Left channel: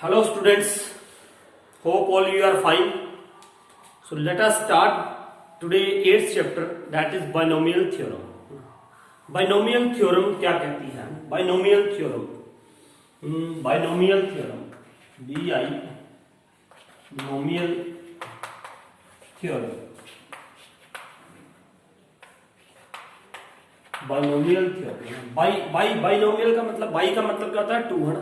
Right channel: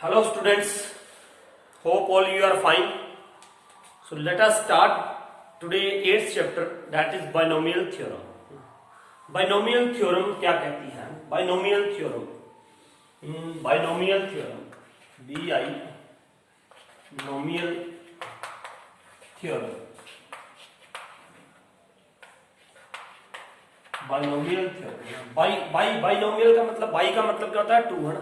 Hello students, hope all you are fine. So let us start today 8th chapter, that is binomial theorem. Binomial theorem क्या कहती है? Binomial theorem, binomial theorem, binomial theorem, binomial theorem. Binomial का मतलब by का मतलब क्या होता है? टू, है ना।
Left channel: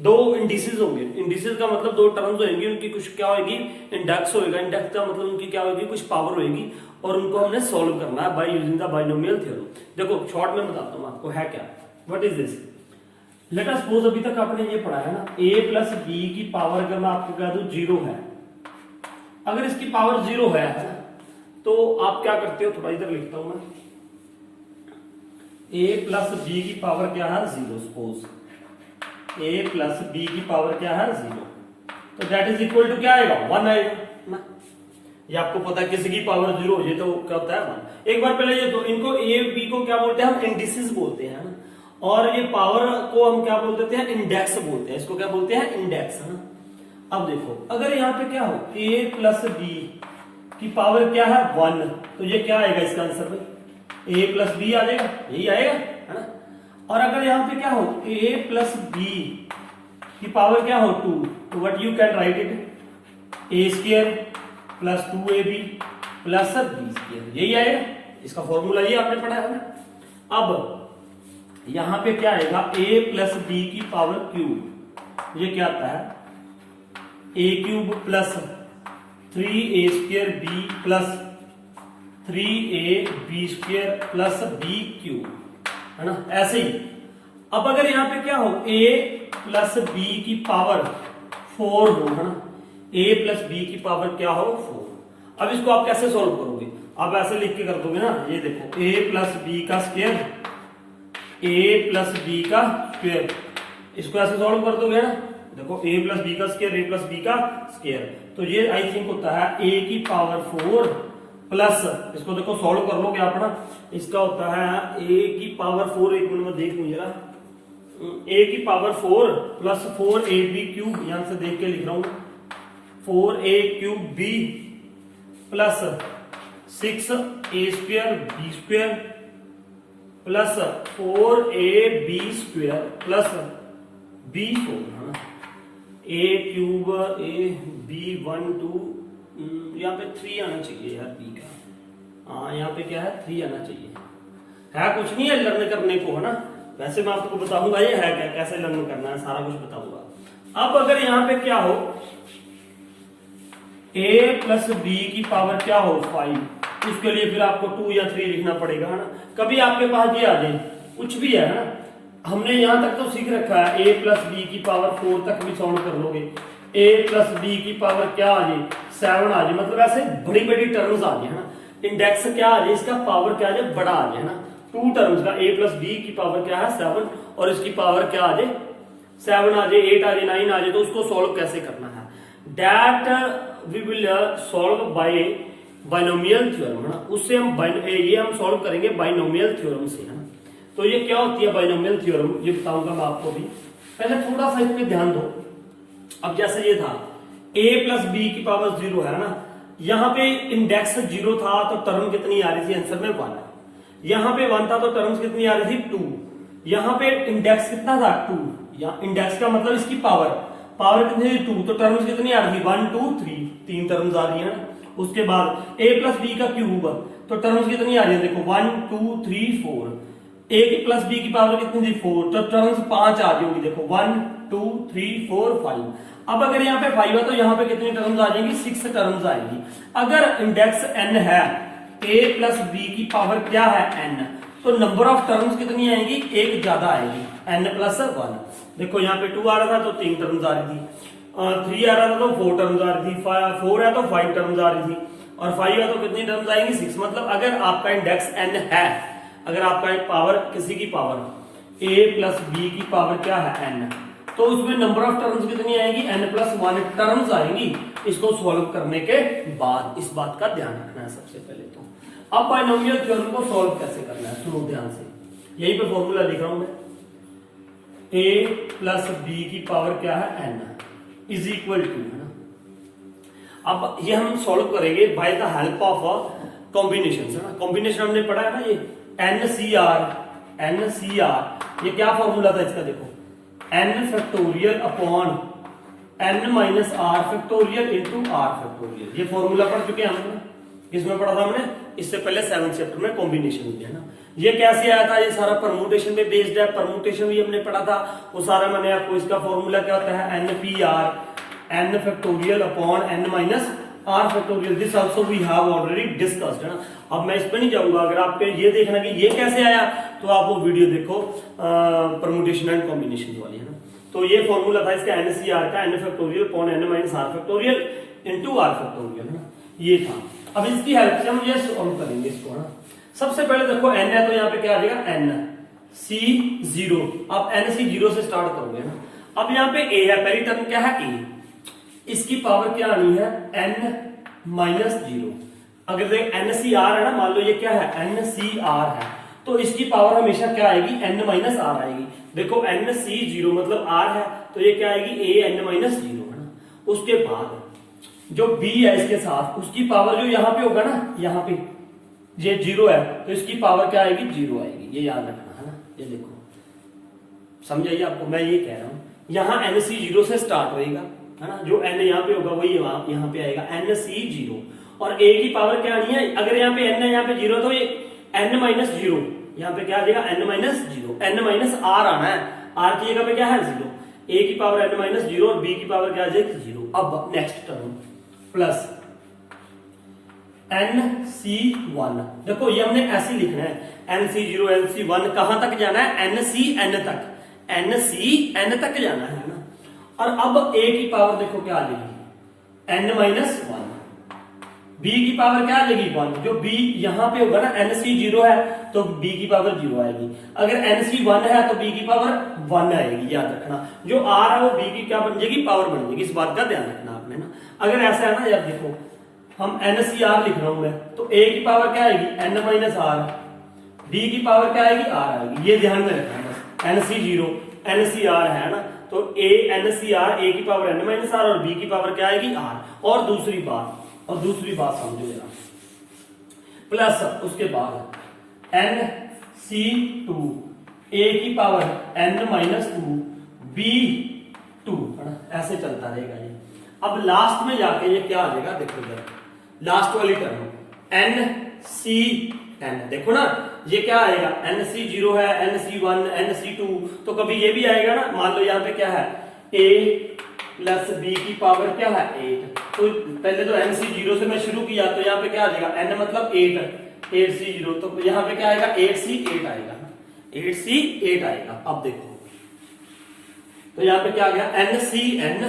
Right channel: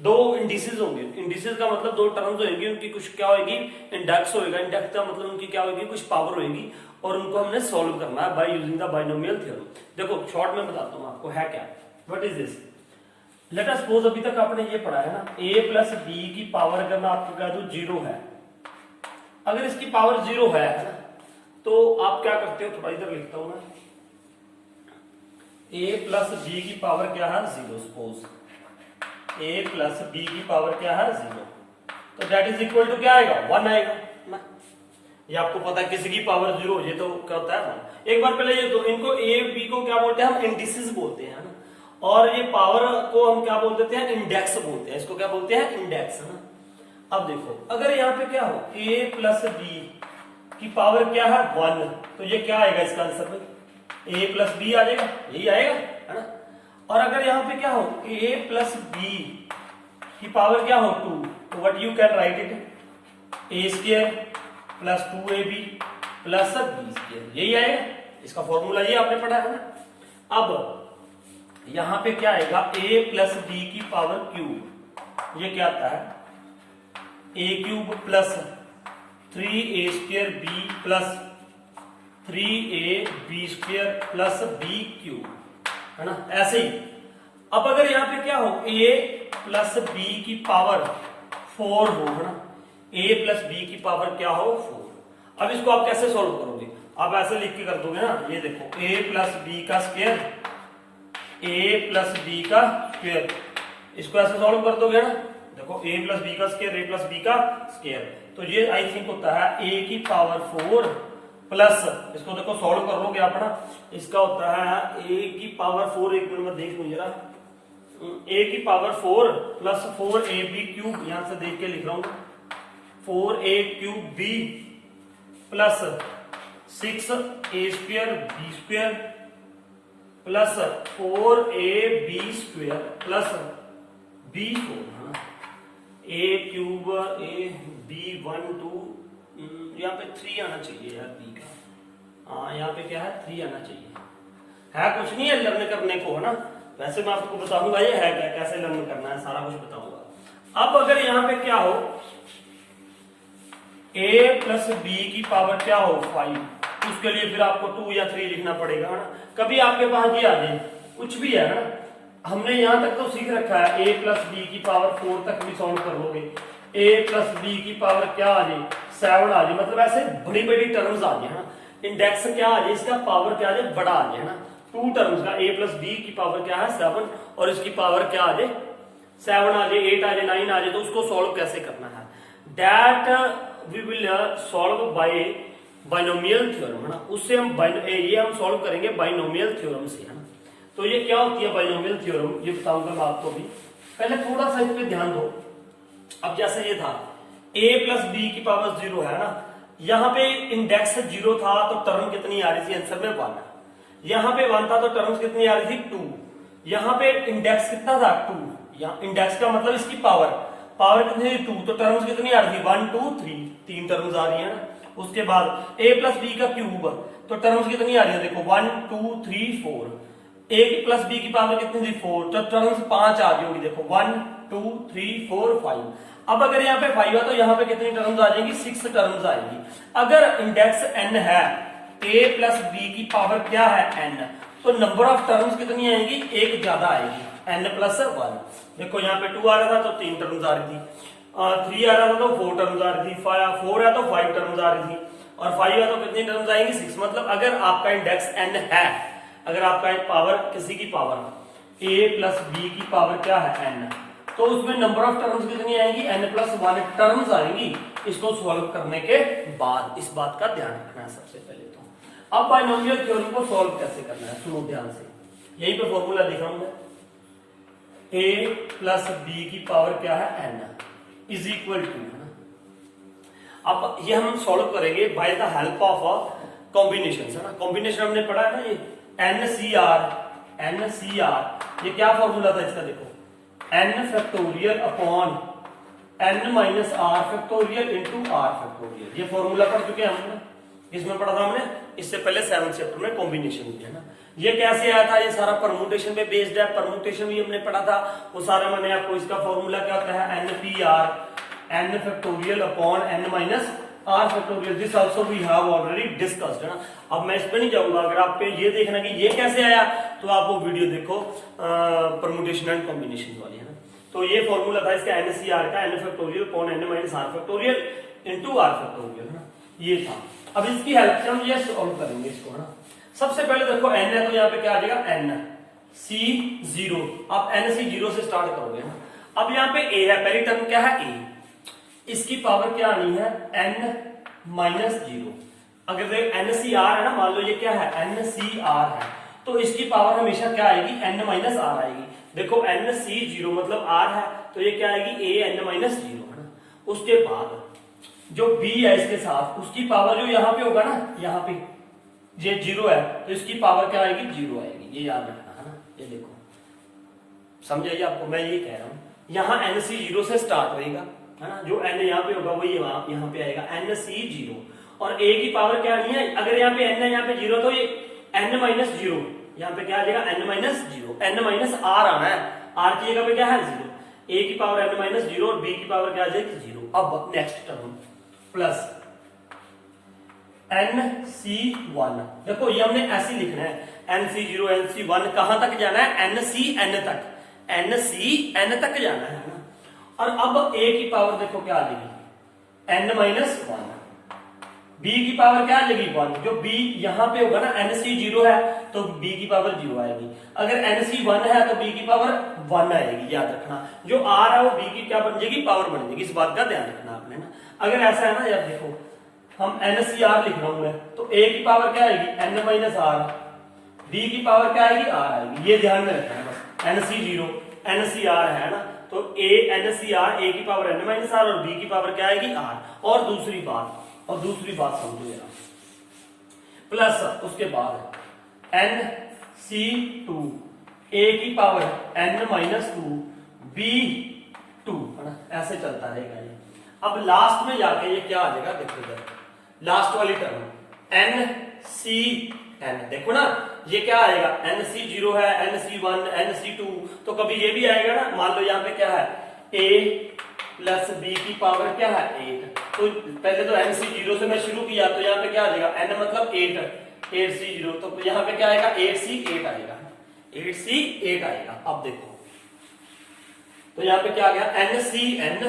दो इंडिसेस होंगे, इंडिसेस का मतलब दो टर्म्स होंगी, उनकी कुछ क्या होगी? इंडेक्स होएगा। इंडेक्स का मतलब उनकी क्या होगी? कुछ पावर होगी और उनको हमने सॉल्व करना है by using the binomial theorem. देखो शॉर्ट में बताता हूं आपको है क्या, what is this. Let us suppose अभी तक आपने ये पढ़ा है ना, a प्लस बी की पावर अगर मैं आपको कह दूं जीरो है, अगर इसकी पावर जीरो है ना, तो आप क्या करते हो? थोड़ा इधर लिखता हूं मैं, a प्लस बी की पावर क्या है? Zero. Suppose a plus B की पावर क्या है? जीरो। तो दैट इज इक्वल टू क्या आएगा? वन आएगा ना। ये आपको पता है किसी की पावर जीरो हो जाए तो क्या होता है? वन। एक बार पहले ये तो इनको a b को क्या बोलते हैं? हम इंडिसेस बोलते हैं ना, और ये पावर को हम क्या बोल देते हैं? इंडेक्स बोलते हैं। इसको क्या बोलते हैं? इंडेक्स, है ना। अब देखो अगर यहाँ पे क्या हो, a प्लस बी की पावर क्या है? वन, तो ये क्या आएगा इसका आंसर में? a प्लस बी आ जाएगा, यही आएगा, है ना। और अगर यहाँ पे क्या हो, a प्लस बी की पावर क्या हो? टू, तो what you can write it? a square plus two A B plus B square, यही आएगा। इसका फॉर्मूला ये आपने पढ़ा है ना। अब यहां पे क्या आएगा? a प्लस बी की पावर क्यूब, ये क्या आता है? a cube plus three A square B plus three A B square plus B cube, है ना। ऐसे ही अब अगर यहां पे क्या हो, a प्लस बी की पावर फोर हो, है ना। a प्लस बी की पावर क्या हो? फोर। अब इसको आप कैसे सॉल्व करोगे? आप ऐसे लिख के कर दोगे ना, ये देखो a प्लस बी का स्क्वायर, a प्लस बी का स्क्वायर, इसको ऐसे सॉल्व कर दोगे ना। देखो a प्लस बी का स्क्वायर, a प्लस बी का स्क्वायर, तो ये आई थिंक होता है a की पावर फोर प्लस, इसको देखो सॉल्व कर लोगे आप ना, इसका होता है a की पावर फोर, एक मिनट में देख लू जरा, a की power four plus four A B cube, यहां से देख के लिख रहा हूं, four A cube B plus six A square B square plus four A B square plus B four, A cube A B one two, यहाँ पे three आना चाहिए यार बी का, हाँ यहाँ पे क्या है? थ्री आना चाहिए। है कुछ नहीं है लर्न करने को, है ना। वैसे मैं आपको बताऊंगा ये है क्या, कैसे लर्न करना है, सारा कुछ बताऊंगा। अब अगर यहाँ पे क्या हो, a प्लस बी की पावर क्या हो? फाइव, उसके लिए फिर आपको टू या थ्री लिखना पड़ेगा, है ना। कभी आपके पास ये आ जाए कुछ भी है ना, हमने यहां तक तो सीख रखा है a प्लस बी की पावर फोर तक भी सॉल्व कर लोगे, a प्लस बी की पावर क्या आ जाए? सेवन आ जाए, मतलब ऐसे बड़ी बड़ी टर्म्स आ जाए, है ना। इंडेक्स क्या आ जाए? इसका पावर क्या आ जाए? बड़ा आ जाए, है ना। टू टर्म्स का a प्लस बी की पावर क्या है? सेवन, और इसकी पावर क्या आ जाए? सेवन आ जाए, एट आ जाए, नाइन आ जाए, तो उसको सॉल्व कैसे करना है? That we will solve by binomial theorem, है ना। उससे हम ये हम सॉल्व करेंगे बाइनोमियल थ्योरम से, है ना। तो ये क्या होती है बाइनोमियल थ्योरम, ये बताऊंगा मैं आपको भी। पहले थोड़ा सा इस पे ध्यान दो। अब जैसे ये था a प्लस बी की पावर जीरो, है ना। यहाँ पे इंडेक्स जीरो था तो टर्म कितनी आ रही थी? आंसर में वन। यहाँ पे वन था तो टर्म्स कितनी आ रही थी? टू। यहाँ पे इंडेक्स कितना था? टू। यहाँ इंडेक्स का मतलब इसकी पावर, पावर कितनी थी? टू, तो टर्म्स कितनी आ रही थी? वन टू थ्री, तीन टर्म्स आ रही है। उसके बाद a प्लस बी का क्यूब, तो टर्म्स कितनी आ रही है? देखो one two three four, a plus B की पावर कितनी थी? फोर, तो टर्म्स पांच आ जाएगी, देखो one two three four five. अब अगर यहाँ पे फाइव है तो यहाँ पे कितनी टर्म्स आ जाएंगी? सिक्स टर्म्स आएंगी। अगर इंडेक्स n है, a प्लस बी की पावर क्या है? n, तो नंबर ऑफ टर्म्स कितनी आएंगी? एक ज्यादा आएगी, n प्लस वन। देखो यहाँ पे टू आ रहा था तो तीन टर्म्स आ रही थी, थ्री आ रहा था तो फोर टर्म्स आ रही थी, फोर है तो फाइव टर्म्स आ रही थी, और फाइव है तो कितनी टर्म्स आएंगी? सिक्स। मतलब अगर आपका इंडेक्स n है, अगर आपका एक पावर किसी की पावर a प्लस बी की पावर क्या है? n, तो उसमें नंबर ऑफ टर्म्स कितनी आएंगी? n प्लस वन टर्म्स आएंगी। इसको सॉल्व करने के बाद इस बात का ध्यान रखना है सबसे पहले तो। अब बाइनोमियल थ्योरम को सॉल्व कैसे करना है, सुनो ध्यान से, यहीं पे फॉर्मूला लिख रहा हूं मैं, a प्लस बी की पावर क्या है? n, इज इक्वल टू, है ना। अब ये हम सॉल्व करेंगे by the help of combination, है ना। कॉम्बिनेशन हमने पढ़ा है ना, ये NCR, ये क्या फॉर्मूला था इसका, देखो n factorial upon n minus R factorial into R factorial, ये फॉर्मूला पढ़ चुके हैं हम ना। किसमें पढ़ा था हमने, इससे पहले 7th चैप्टर में कॉम्बिनेशन दिया ना। ये कैसे आया था, ये सारा परमुटेशन पे बेस्ड है, परमुटेशन भी हमने पढ़ा था वो सारा। मैंने आपको इसका फॉर्मूला क्या होता है, NPR, n factorial upon n minus R factorial, this also we have already discussed, है ना। अब मैं इस पे नहीं जाऊंगा, अगर आप पे ये देखना कि ये कैसे आया तो आप वो वीडियो देखो परमुटेशन एंड कॉम्बिनेशन वाली, है ना। तो ये फॉर्मूला था इसका NCR का, n factorial upon n minus R factorial into R factorial, है ना, ये था। अब इसकी हेल्प से हम ये सॉल्व करेंगे इसको, है ना। सबसे पहले देखो n है तो यहाँ पे क्या आ जाएगा, NC0, आप NC0 से स्टार्ट करोगे ना। अब यहाँ पे a है, पहली टर्म क्या है a, इसकी पावर क्या आनी है n माइनस 0। अगर NCR है ना, मान लो ये क्या है NCR है, तो इसकी पावर हमेशा क्या आएगी, n माइनस आर आएगी। देखो NC0 मतलब r है, तो ये क्या आएगी a n माइनस 0, है ना। उसके बाद जो b है इसके साथ, उसकी पावर जो यहाँ पे होगा ना, यहाँ पे ये 0 है तो इसकी पावर क्या आएगी, 0 आएगी, ये याद रखना, है ना। ये देखो, समझ आइए आपको, मैं ये कह रहा हूं यहाँ NC0 से स्टार्ट होएगा, है ना। जो n यहाँ पे होगा वही यहाँ पे आएगा NC0, और a की पावर क्या आनी है, अगर यहाँ पे n है, यहाँ पे 0, तो ये n माइनस 0, यहाँ पे क्या आ जाएगा n minus 0, n minus r आना है, r की जगह पे क्या है 0, a की पावर n माइनस 0 और b की पावर क्या आ जाएगी 0। अब नेक्स्ट टर्म प्लस NC1, देखो ये हमने ऐसे लिखना है, NC0 NC1 कहां तक जाना है, NCN तक, NCN तक जाना है ना। और अब a की पावर देखो क्या आ जाएगी n माइनस 1, b की पावर क्या आ जाएगी 1, जो b यहां पे होगा ना, NC0 है तो b की पावर 0 आएगी, अगर NC1 है तो b की पावर 1 आएगी, याद रखना। जो r है वो b की क्या बन जाएगी, पावर बन जाएगी, इस बात का ध्यान रखना आपने ना। अगर ऐसा है ना, यार देखो हम NCR लिख रहा हूं मैं, तो a की पावर क्या आएगी n माइनस आर, b की पावर क्या आएगी r आएगी, ये ध्यान में रखना है बस। NC0 NCR है ना, तो NCR, a की पावर n माइनस आर और b की पावर क्या आएगी r। और दूसरी बात समझो जरा, प्लस उसके बाद NC2, a की पावर n माइनस 2, b2, है ना, ऐसे चलता रहेगा ये। अब लास्ट में जाके ये क्या आ जाएगा, देखो इधर लास्ट वाली टर्म NCN, देखो ना ये क्या आएगा, NC0 है, NC1, NC2, तो कभी ये भी आएगा ना। मान लो यहाँ पे क्या है a प्लस b की पावर क्या है 8, तो पहले तो NC0 से मैं शुरू किया, तो यहाँ पे क्या आ जाएगा n मतलब 8C0, तो यहाँ पे क्या आएगा 8C8 आएगा, 8C8 आएगा। अब देखो तो यहाँ पे क्या आ गया NCN,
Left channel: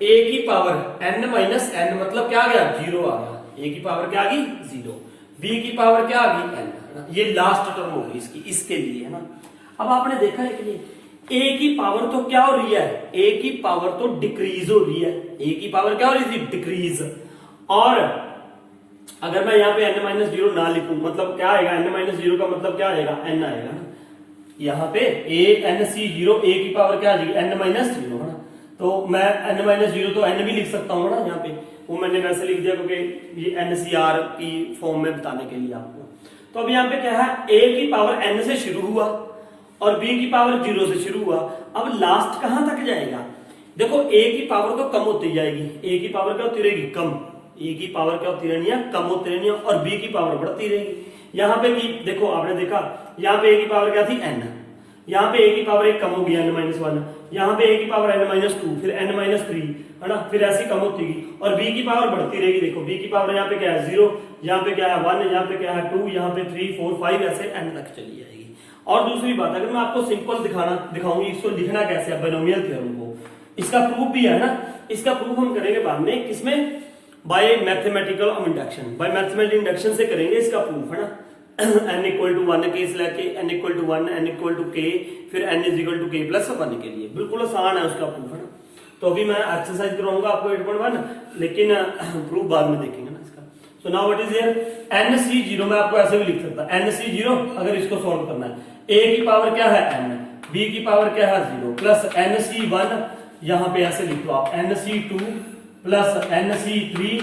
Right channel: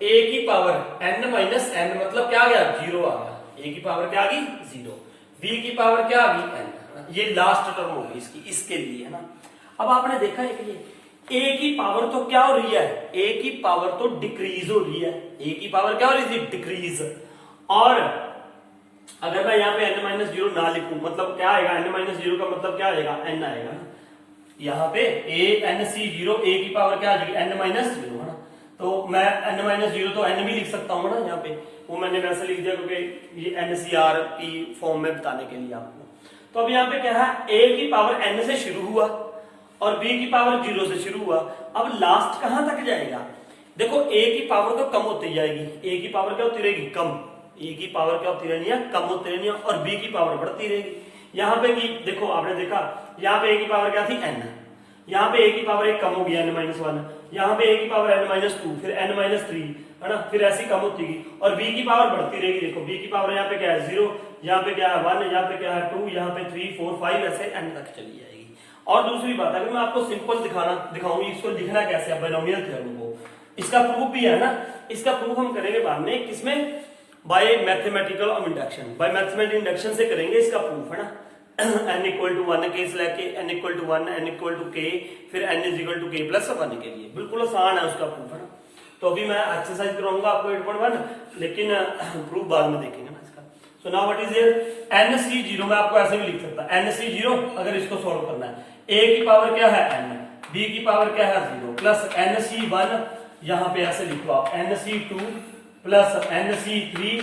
a की पावर n माइनस n मतलब क्या आ गया 0 आ गया, a की पावर क्या आ गई 0, b की पावर क्या आ गई n, ये लास्ट टर्म होगी इसकी, इसके लिए, है ना। अब आपने देखा है कि a की पावर तो क्या हो रही है, a की पावर तो डिक्रीज हो रही है, a की पावर क्या हो रही है डिक्रीज। और अगर मैं यहाँ पे n माइनस 0 ना लिखूं, मतलब क्या आएगा n माइनस 0 का मतलब क्या आएगा n आएगा ना। यहाँ पे NC0 a की पावर क्या आ जाएगी n माइनस 0, है ना। तो मैं n माइनस 0 तो n भी लिख सकता हूँ ना यहाँ पे, वो मैंने वैसे लिख दिया क्योंकि ये NCR की फॉर्म में बताने के लिए आपको। तो अब यहाँ पे क्या है, a की पावर n से शुरू हुआ और b की पावर 0 से शुरू हुआ, अब लास्ट कहां तक जाएगा, देखो a की पावर तो कम होती जाएगी, a की पावर क्या होती रहेगी कम, a की पावर क्या होती रहनी है कम होती रहनी है, और b की पावर बढ़ती रहेगी। यहाँ पे की देखो आपने देखा, यहाँ पे a की पावर क्या थी n, यहाँ पे a की पावर एक कम होगी n माइनस 1, यहाँ पे a की पावर n माइनस 2, फिर n माइनस 3, है ना, फिर ऐसी कम होती गई, और b की पावर बढ़ती रहेगी। देखो b की पावर यहाँ पे क्या है 0, यहाँ पे क्या है 1, यहाँ पे क्या है 2, यहाँ पे 3 4 5 ऐसे n तक चली जाएगी। और दूसरी बात, अगर मैं आपको सिंपल दिखाऊंगी इसको लिखना कैसे है बाइनोमियल थ्योरम को, इसका प्रूफ भी है ना, इसका प्रूफ हम करेंगे बाद में, किसमें, by mathematical induction, by mathematical induction से करेंगे इसका प्रूफ, है ना। n इक्वल टू 1 केस लेके n equal to 1, n equal to k, फिर n is equal to k plus 1 के लिए, बिल्कुल आसान है उसका प्रूफ, है ना। तो अभी मैं एक्सरसाइज कराऊंगा आपको 8.1, लेकिन प्रूफ बाद में देखेंगे ना इसका। So now what is here NC0, मैं आपको ऐसे भी लिख सकता NC0, अगर इसको सॉल्व करना है, a की पावर क्या है n, b की पावर क्या है 0, प्लस NC1, यहां पे ऐसे लिख लो आप NC2 plus NC3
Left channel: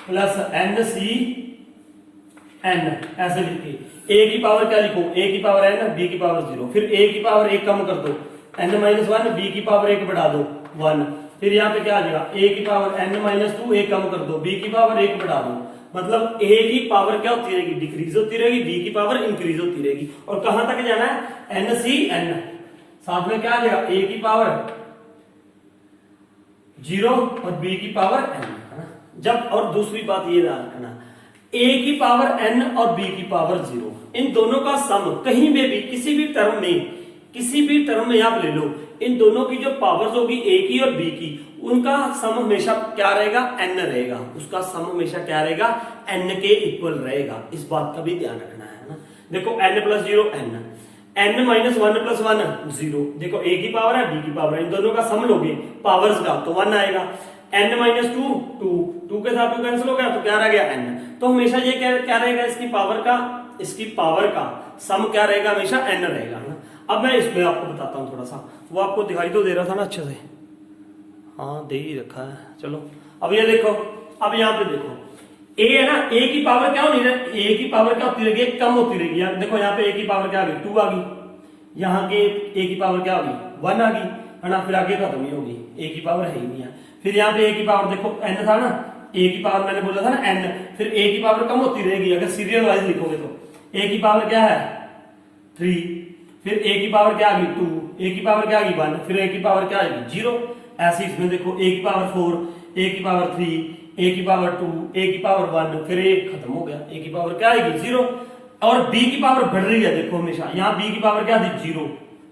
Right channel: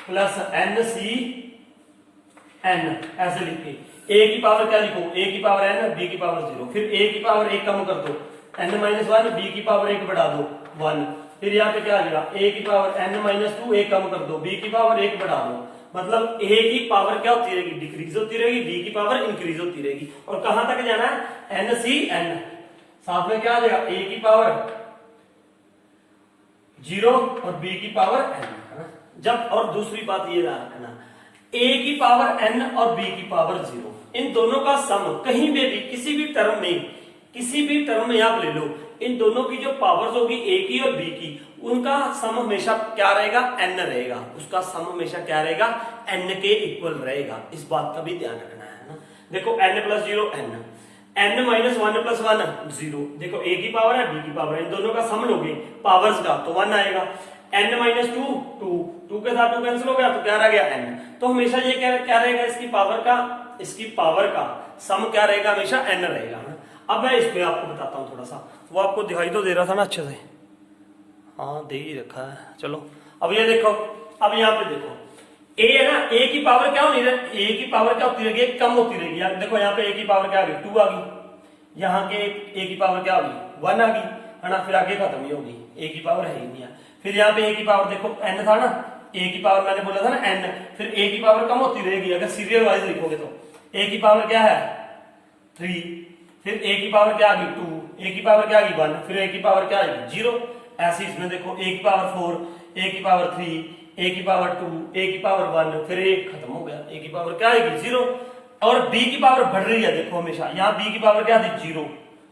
plus NCN ऐसे लिख के a की पावर क्या लिखो, a की पावर n, b की पावर 0, फिर a की पावर 1 कम कर दो n-1, b की पावर 1 बढ़ा दो 1, फिर यहाँ पे क्या आ जाएगा a की पावर n-2 1 कम कर दो, b की पावर 1 बढ़ा दो, मतलब a की पावर क्या होती रहेगी, डिक्रीज होती रहेगी, b की पावर इंक्रीज होती रहेगी। और कहां तक जाना है, NCN, साथ में क्या आ जाएगा a की पावर 0 और b की पावर n, जब, और दूसरी बात ये ध्यान रखना, a की पावर n और b की पावर 0, इन दोनों का सम कहीं में भी किसी भी टर्म में आप ले लो, इन दोनों की जो पावर्स होगी a की और b की, उनका सम हमेशा क्या रहेगा, n रहेगा, उसका सम हमेशा क्या रहेगा, n के इक्वल रहेगा। इस बात का भी ध्यान रखना है ना। देखो n + 0 n-1 + 1 0, देखो a की पावर है b की पावर है, इन दोनों का सम लोगे पावर्स का तो 1 आएगा, n-2 2 के साथ 2 कैंसिल हो गया तो क्या रह गया n। तो हमेशा ये क्या रहेगा, इसकी पावर का सम क्या रहेगा, हमेशा n रहेगा ना। अब मैं इसमें आपको बताता हूं थोड़ा सा, वो आपको दिखाई तो दे रहा था ना अच्छे से, हाँ दे ही रखा है। चलो अब ये देखो, अब यहाँ पे देखो a है ना, a की पावर क्या होनी है, a की पावर क्या होती रहेगी, कम होती रहेगी। देखो यहाँ पे a की पावर क्या आ गई, 2 आ गई, यहाँ के a की पावर क्या होगी, 1 आ गई, है ना, फिर आगे खत्म ही होगी, a की पावर है ही नहीं है। फिर यहाँ पे a की पावर देखो n था ना, a की पावर मैंने बोला था ना n, फिर a की पावर कम होती रहेगी अगर सीरियल वाइज लिखोगे तो, a की पावर क्या है 3, फिर a की पावर क्या आ गई 2, a की पावर क्या आ गई 1, फिर a की पावर क्या आएगी 0। ऐसे इसमें देखो a की पावर 4, a की पावर 3, a की पावर 2, a की पावर 1, फिर a खत्म हो गया, a की पावर क्या आएगी 0। और b की पावर बढ़ रही है, देखो हमेशा यहाँ b की पावर क्या थी 0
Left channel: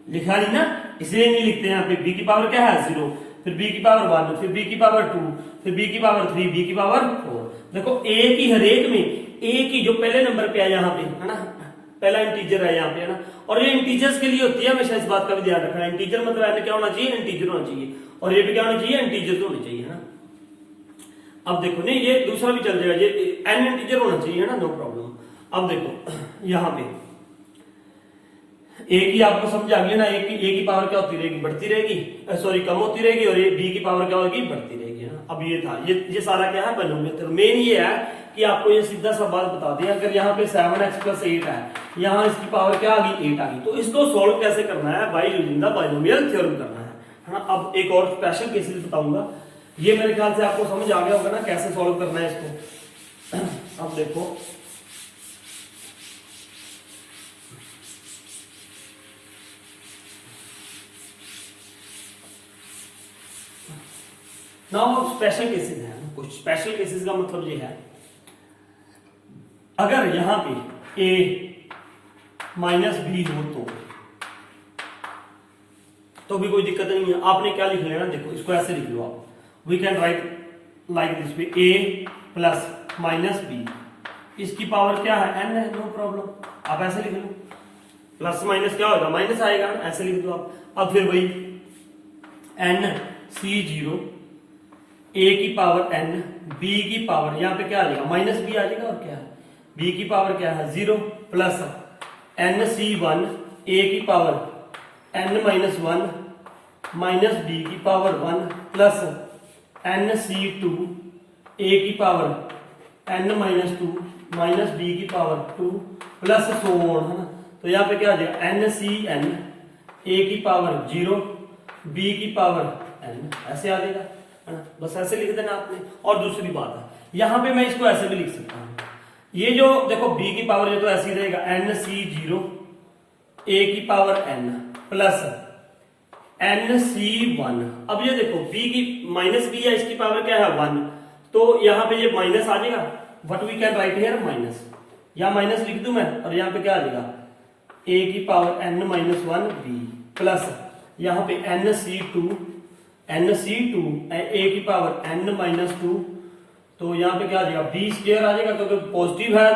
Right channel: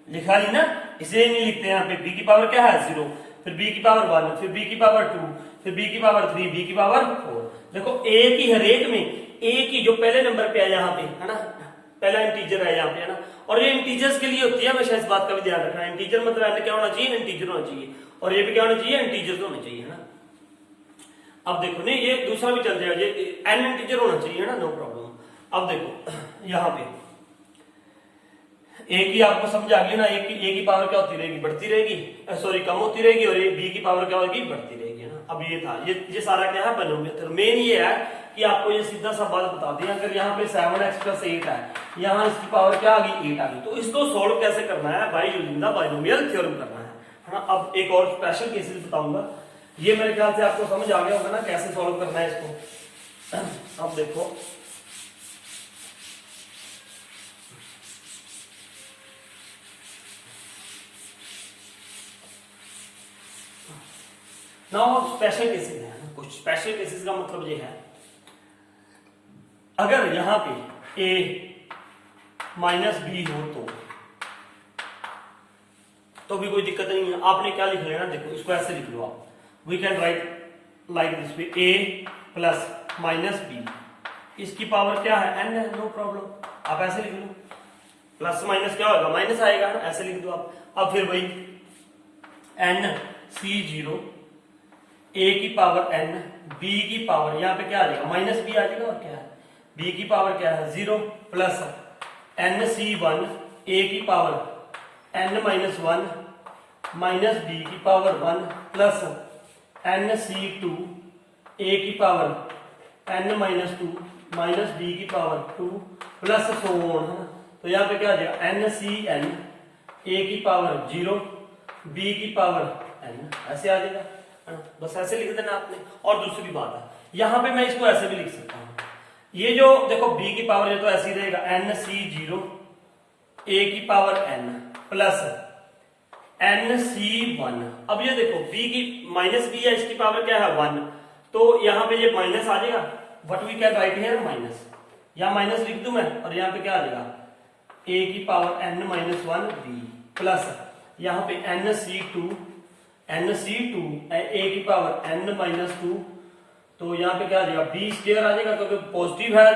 लिखा ली ना, इसलिए नहीं लिखते यहाँ पे, b की पावर क्या है 0, फिर b की पावर 1, फिर b की पावर 2, फिर b की पावर 3, b की पावर 4। देखो a की हर एक में a की जो पहले नंबर पे है यहाँ पे, है ना, पहला इंटीजर है यहाँ पे, है ना, और ये इंटीजर्स के लिए होती है, हमेशा इस बात का भी ध्यान रखना, इंटीजर मतलब ऐसे क्या होना चाहिए, इंटीजर होना चाहिए, और ये भी क्या होना चाहिए, इंटीजर होना चाहिए, है ना। अब देखो नहीं, ये दूसरा भी चल जाएगा, ये n इंटीजर होना चाहिए, है ना, नो प्रॉब्लम। अब देखो यहाँ पे a की आपको समझ आ गई ना, a की पावर क्या होती रहेगी, बढ़ती रहेगी, सॉरी कम होती रहेगी, और ये b की पावर क्या होगी, बढ़ती रहेगी, है ना। अब ये था, ये सारा क्या है बाइनोमियल। मेन ये है कि आपको ये सीधा सा बात बता दें, अगर यहाँ पे 7x + 8 है, यहाँ इसकी पावर क्या आ गई 8 आ गई, तो इसको सोल्व कैसे करना है, by using the binomial theorem करना है ना। अब एक और स्पेशल केसेस बताऊंगा, ये मेरे ख्याल से आपको समझ आ गया होगा ना कैसे सोल्व करना है इसको। अब देखो नाउ स्पेशल केसेस है, कुछ स्पेशल केसेस का मतलब ये है, अगर यहां पे a - b हो तो भी कोई दिक्कत नहीं है, आपने क्या लिख लेना, देखो इसको ऐसे लिख लो आप, we can write like this way, a + - b, इसकी पावर क्या है n है, नो प्रॉब्लम, आप ऐसे लिख लो, प्लस माइनस क्या होगा, माइनस आएगा, ऐसे लिख दो आप। अब फिर वही NC0 a की पावर n, b की पावर यहाँ पे क्या आ जाएगा, -b आ जाएगा, और क्या है b की पावर क्या है 0, प्लस NC1 a की पावर n-1 माइनस b की पावर 1, प्लस NC2 a की पावर n-2 माइनस b की पावर 2, प्लस सो ऑन, है ना। तो यहाँ पे क्या आ जाएगा NCN a की पावर 0, b की पावर n, ऐसे आ जाएगा, है ना, बस ऐसे लिख देना आपने। और दूसरी बात है, यहां पे मैं इसको ऐसे भी लिख सकता हूं, ये जो देखो b की पावर ये तो ऐसे ही रहेगा NC0 a की पावर n प्लस NC1। अब ये देखो b की -b है, इसकी पावर क्या है 1, तो यहां पे ये माइनस आ जाएगा, what we can write here minus, यहां माइनस लिख दूं मैं, और यहां पे क्या आ जाएगा a की पावर n-1 b, प्लस यहां पे NC2 a की पावर n-2, तो यहाँ पे क्या आ जाएगा b² आ जाएगा, क्योंकि पॉजिटिव है,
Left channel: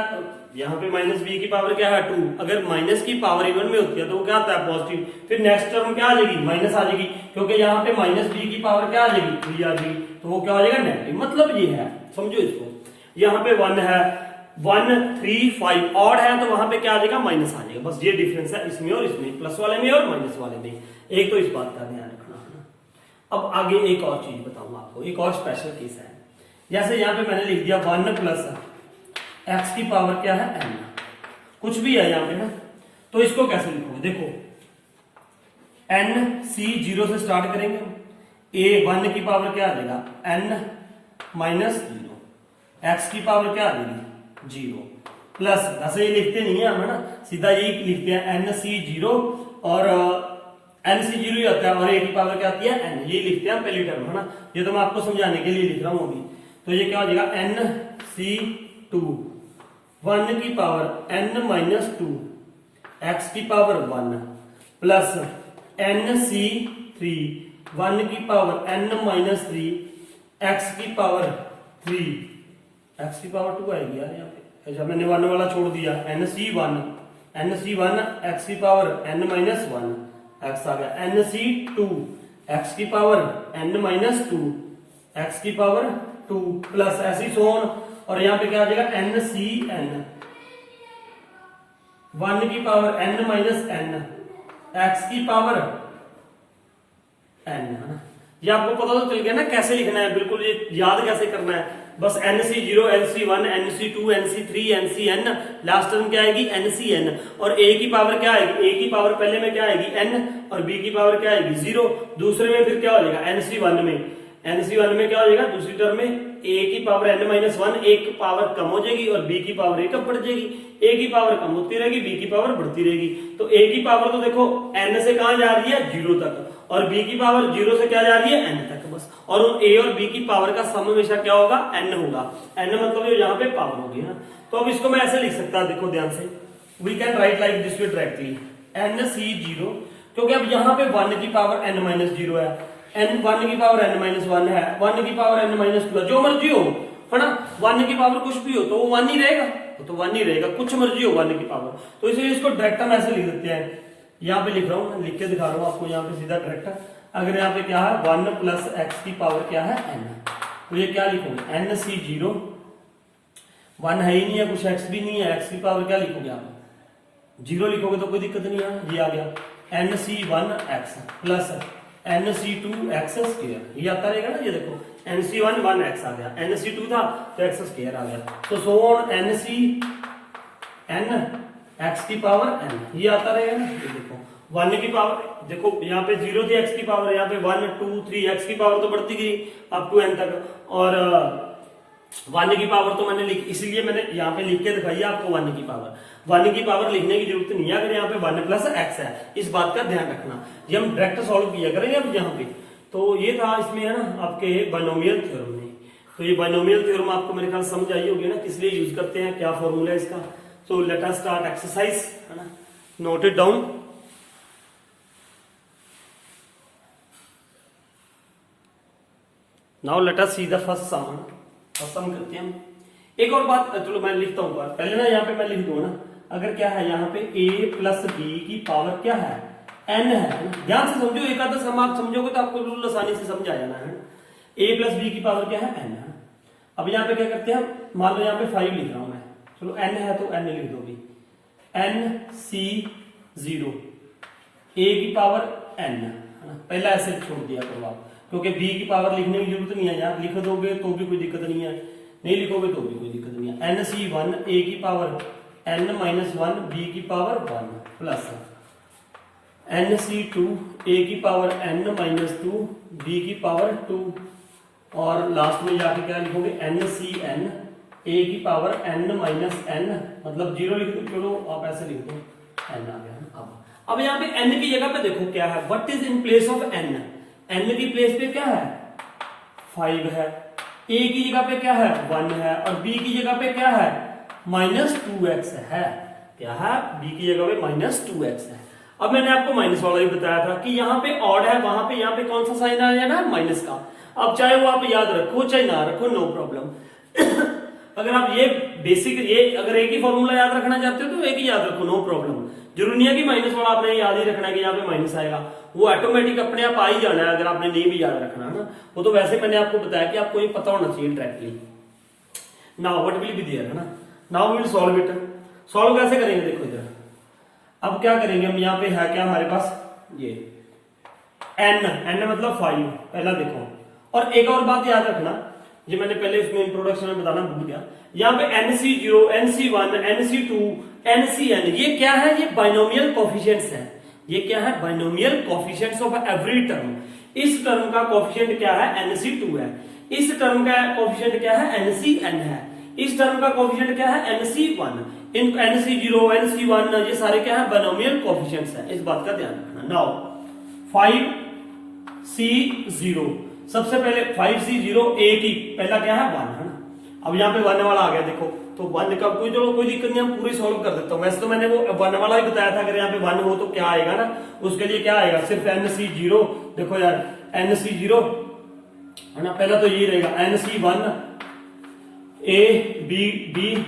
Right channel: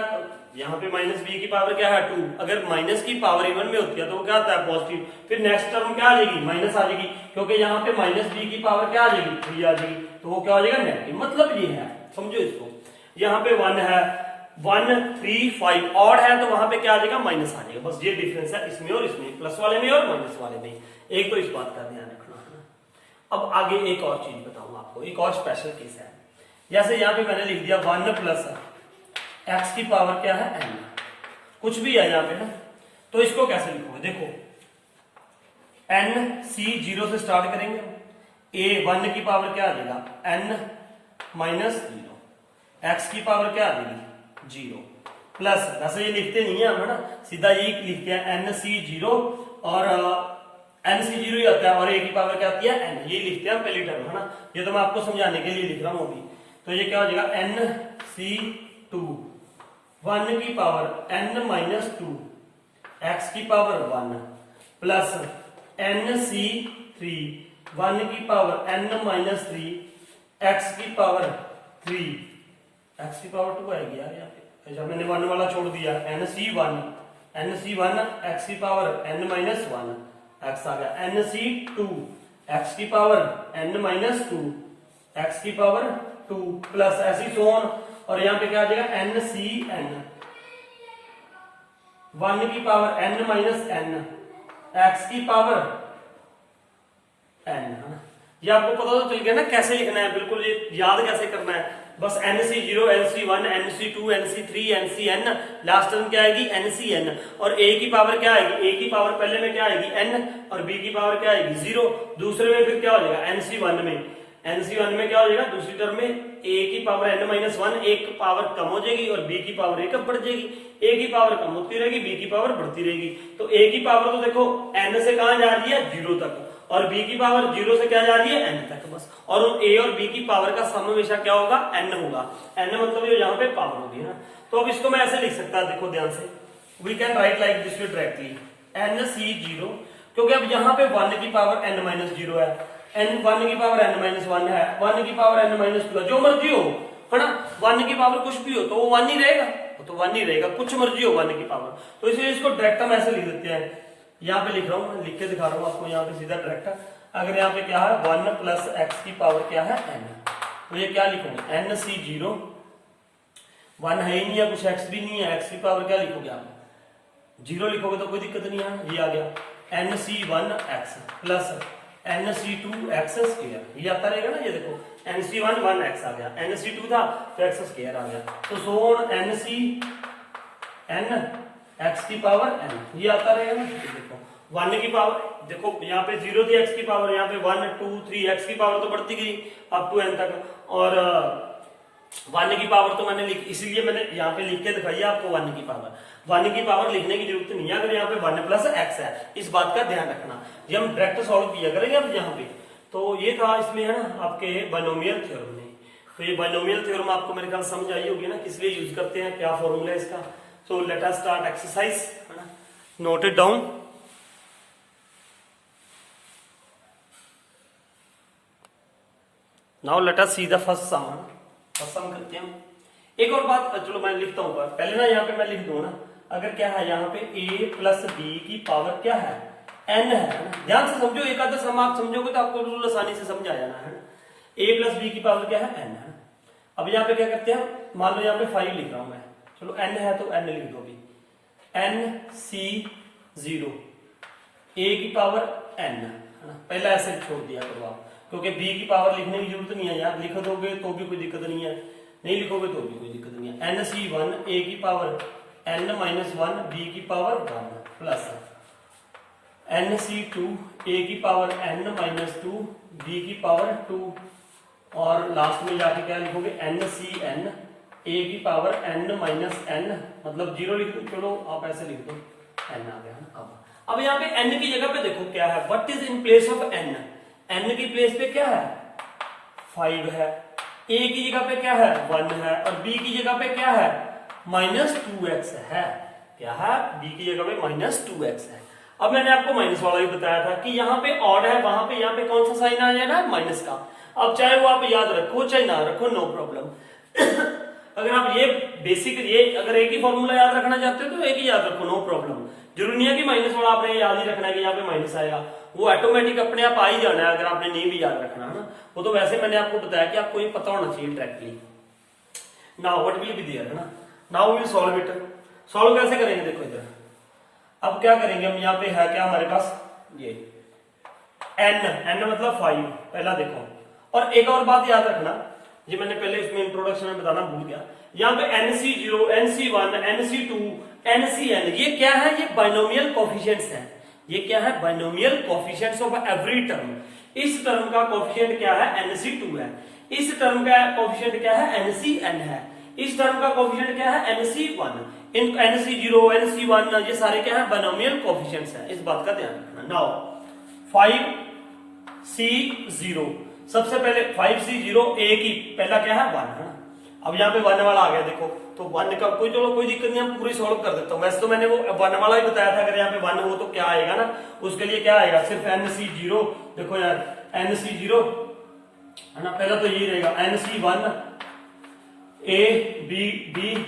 यहाँ पे -b की पावर क्या है 2, अगर माइनस की पावर इवन में होती है तो वो क्या आता है पॉजिटिव, फिर नेक्स्ट टर्म क्या आ जाएगी माइनस आ जाएगी, क्योंकि यहाँ पे -b की पावर क्या आ जाएगी 3 आ जाएगी, तो वो क्या हो जाएगा नेगेटिव। मतलब ये है, समझो इसको, यहाँ पे 1 है, 1 3 5 ऑड है, तो वहां पे क्या आ जाएगा माइनस आ जाएगा, बस ये डिफरेंस है इसमें और इसमें, प्लस वाले में और माइनस वाले में। एक तो इस बात का ध्यान रखना है। अब आगे एक और चीज बताऊंगा आपको, एक और स्पेशल केस है। जैसे यहाँ पे मैंने लिख दिया 1 प्लस एक्स की पावर क्या है n, कुछ भी है यहाँ पे ना, तो इसको कैसे लिखोगे? देखो n c 0 से स्टार्ट करेंगे, a 1 की पावर क्या आ जाएगा n माइनस 0, एक्स की पावर क्या आ जाएगी 0, प्लस, वैसे ये लिखते नहीं है हम, है ना, सीधा यही लिखते हैं n c 0 और n c 0 ही होता है और a की पावर क्या आती है n, ये लिखते हैं हम पहली टर्म, है ना, ये तो मैं आपको समझाने के लिए लिख रहा हूं अभी। तो ये क्या हो जाएगा n c 2 1 की पावर n माइनस 2 एक्स की पावर 1 प्लस n c 3 1 की पावर n माइनस 3 एक्स की पावर 3, एक्स की पावर 2 आएगी यार यहाँ पे, अच्छा मैंने 1 वाला छोड़ दिया, n c 1 एक्स की पावर n माइनस 1 एक्स आ गया, n c 2 एक्स की पावर n माइनस 2 एक्स की पावर 2 प्लस ऐसी सोन, और यहाँ पे क्या आ जाएगा n c n 1 की power n minus n x की पावर n, है ना। ये आपको पता तो चल गया ना कैसे लिखना है, बिल्कुल ये याद कैसे करना है, बस NC0 NC1 NC2 NC3 NCN, last term क्या आएगी NCN, और a की पावर क्या आएगी, a की पावर पहले में क्या आएगी n और b की पावर क्या आएगी 0, दूसरे में फिर क्या हो जाएगा NC1 में क्या हो जाएगा, दूसरी टर्म में a की पावर n माइनस 1, एक पावर कम हो जाएगी और b की पावर एक बढ़ जाएगी, a की पावर कम होती रहेगी b की पावर बढ़ती रहेगी, तो a की पावर तो देखो n से कहां जा रही है 0 तक, और b की पावर 0 से क्या जा रही है n तक बस, और उन a और b की पावर का सम हमेशा क्या होगा n होगा, n मतलब ये यहाँ पे पावर होगी ना। तो अब इसको मैं ऐसे लिख सकता हूं, देखो ध्यान से, we can write like this way directly NC0, क्योंकि अब यहाँ पे 1 की पावर n माइनस 0 है, n 1 की पावर n माइनस 1 है, 1 की पावर n माइनस 2 जो मर्जी हो, है ना, 1 की पावर कुछ भी हो तो वो 1 ही रहेगा, तो 1 ही रहेगा, कुछ मर्जी हो 1 की पावर, तो इसलिए इसको डायरेक्ट हम ऐसे लिख देते हैं, यहाँ पे लिख रहा हूँ, लिख के दिखा रहा हूँ आपको, यहाँ पे सीधा डायरेक्ट, अगर यहाँ पे क्या है 1 प्लस एक्स की पावर क्या है n, तो ये क्या लिखोगे NC0, 1 है ही नहीं है, कुछ x भी नहीं है, x की पावर क्या लिखोगे आप 0 लिखोगे तो कोई दिक्कत नहीं है, ये आ गया NC1x प्लस NC2x स्क्वायर, ये आता रहेगा ना, ये देखो NC1 1x आ गया, NC2 था तो x स्क्वायर आ गया, तो सो ऑन NCn x की पावर n, ये आता रहेगा ना, ये देखो 1 की पावर, देखो यहाँ पे 0 थी x की पावर, यहाँ पे 1 2 3 x की पावर तो बढ़ती गई अप टू n तक, और 1 की पावर तो मैंने इसलिए मैंने यहाँ पे लिख के दिखाई आपको 1 की पावर लिखने की जरूरत नहीं है, अगर यहाँ पे 1 प्लस एक्स है, इस बात का ध्यान रखना, ये हम डायरेक्ट सॉल्व किया करेंगे अब यहाँ पे। तो ये था इसमें, है ना, आपके बाइनोमियल थ्योरम में, तो ये बाइनोमियल थ्योरम आपको मेरे ख्याल समझ आई होगी ना, किस लिए यूज करते हैं, क्या फॉर्मूला है इसका। So let us start exercise, है ना, note it down. Now let us see the first sum, sum करते हैं। एक और बात, चलो मैं लिखता हूं, पहले ना यहाँ पे मैं लिख दूं ना, अगर क्या है यहाँ पे a प्लस बी की पावर क्या है n है, ध्यान से समझो, एक आधा सम आप समझोगे तो आपको बिल्कुल आसानी से समझ आ जाना है, a प्लस बी की पावर क्या है n है। अब यहाँ पे क्या करते हैं, मान लो यहाँ पे 5 लिख रहा हूं मैं, चलो n है तो n लिख दोगे, NC0 a की पावर n, है ना, पहला ऐसे छोड़ दिया करो आप, क्योंकि b की पावर लिखने की जरूरत नहीं है, यार लिख दोगे तो भी कोई दिक्कत नहीं है, नहीं लिखोगे तो भी कोई दिक्कत नहीं है। NC1 a की पावर n माइनस 1 b की पावर 1 प्लस NC2 a की पावर n माइनस 2 b की पावर 2, और लास्ट में जाके क्या लिखोगे NCn a की पावर n माइनस n, मतलब 0 लिख दो, चलो आप ऐसे लिख दो, n आ गया। अब यहाँ पे n की जगह पे देखो क्या है, what is in place of n, n की प्लेस पे क्या है 5 है, a की जगह पे क्या है 1 है, और b की जगह पे क्या है माइनस 2x है, क्या है b की जगह पे माइनस 2x है। अब मैंने आपको माइनस वाला भी बताया था कि यहाँ पे ऑड है, वहां पे यहाँ पे कौन सा साइन आया ना माइनस का, अब चाहे वो आप याद रखो चाहे ना रखो, नो प्रॉब्लम। अगर आप ये बेसिक, ये अगर एक ही फॉर्मूला याद रखना चाहते हो तो एक ही याद रखो, नो प्रॉब्लम, जरूरी नहीं है कि माइनस वाला आपने याद ही रखना है कि यहाँ पे माइनस आएगा, वो ऑटोमेटिक अपने आप आ ही जाना है, अगर आपने नहीं भी याद रखना है ना, वो तो वैसे मैंने आपको बताया कि आपको ये पता होना चाहिए directly. Now what will be there, है ना, now will solve it, solve कैसे करेंगे, देखो इधर अब क्या करेंगे हम, यहाँ पे है क्या हमारे पास ये n मतलब 5, पहला देखो। और एक और बात याद रखना, ये मैंने पहले उसमें इंट्रोडक्शन में बताना भूल गया, यहाँ पे NC0, NC1, NC2, NCN, ये क्या है? ये बाइनोमियल कोफिशिएंट्स है। ये क्या है? Binomial coefficients of every term. इस टर्म का कोफिशिएंट क्या है? NC2 है। इस टर्म का कोफिशिएंट क्या है? NCN है। इस टर्म का कोफिशिएंट क्या है? NC1। इन NC0, NC1 ये सारे क्या है? बाइनोमियल कोफिशिएंट्स है। इस बात का ध्यान रखना। नाउ 5C0, सबसे पहले 5C0 A की पहला क्या है? 1 है ना। अब यहाँ पे 1 वाला आ गया देखो, तो 1 का कोई चलो कोई दिक्कत नहीं, हम पूरी सॉल्व कर देता हूँ। वैसे तो मैंने वो 1 वाला ही बताया था, अगर यहाँ पे 1 हो तो क्या आएगा ना, उसके लिए क्या आएगा? सिर्फ NC0, देखो यार NC0 है ना, पहला तो ये रहेगा NC1 A B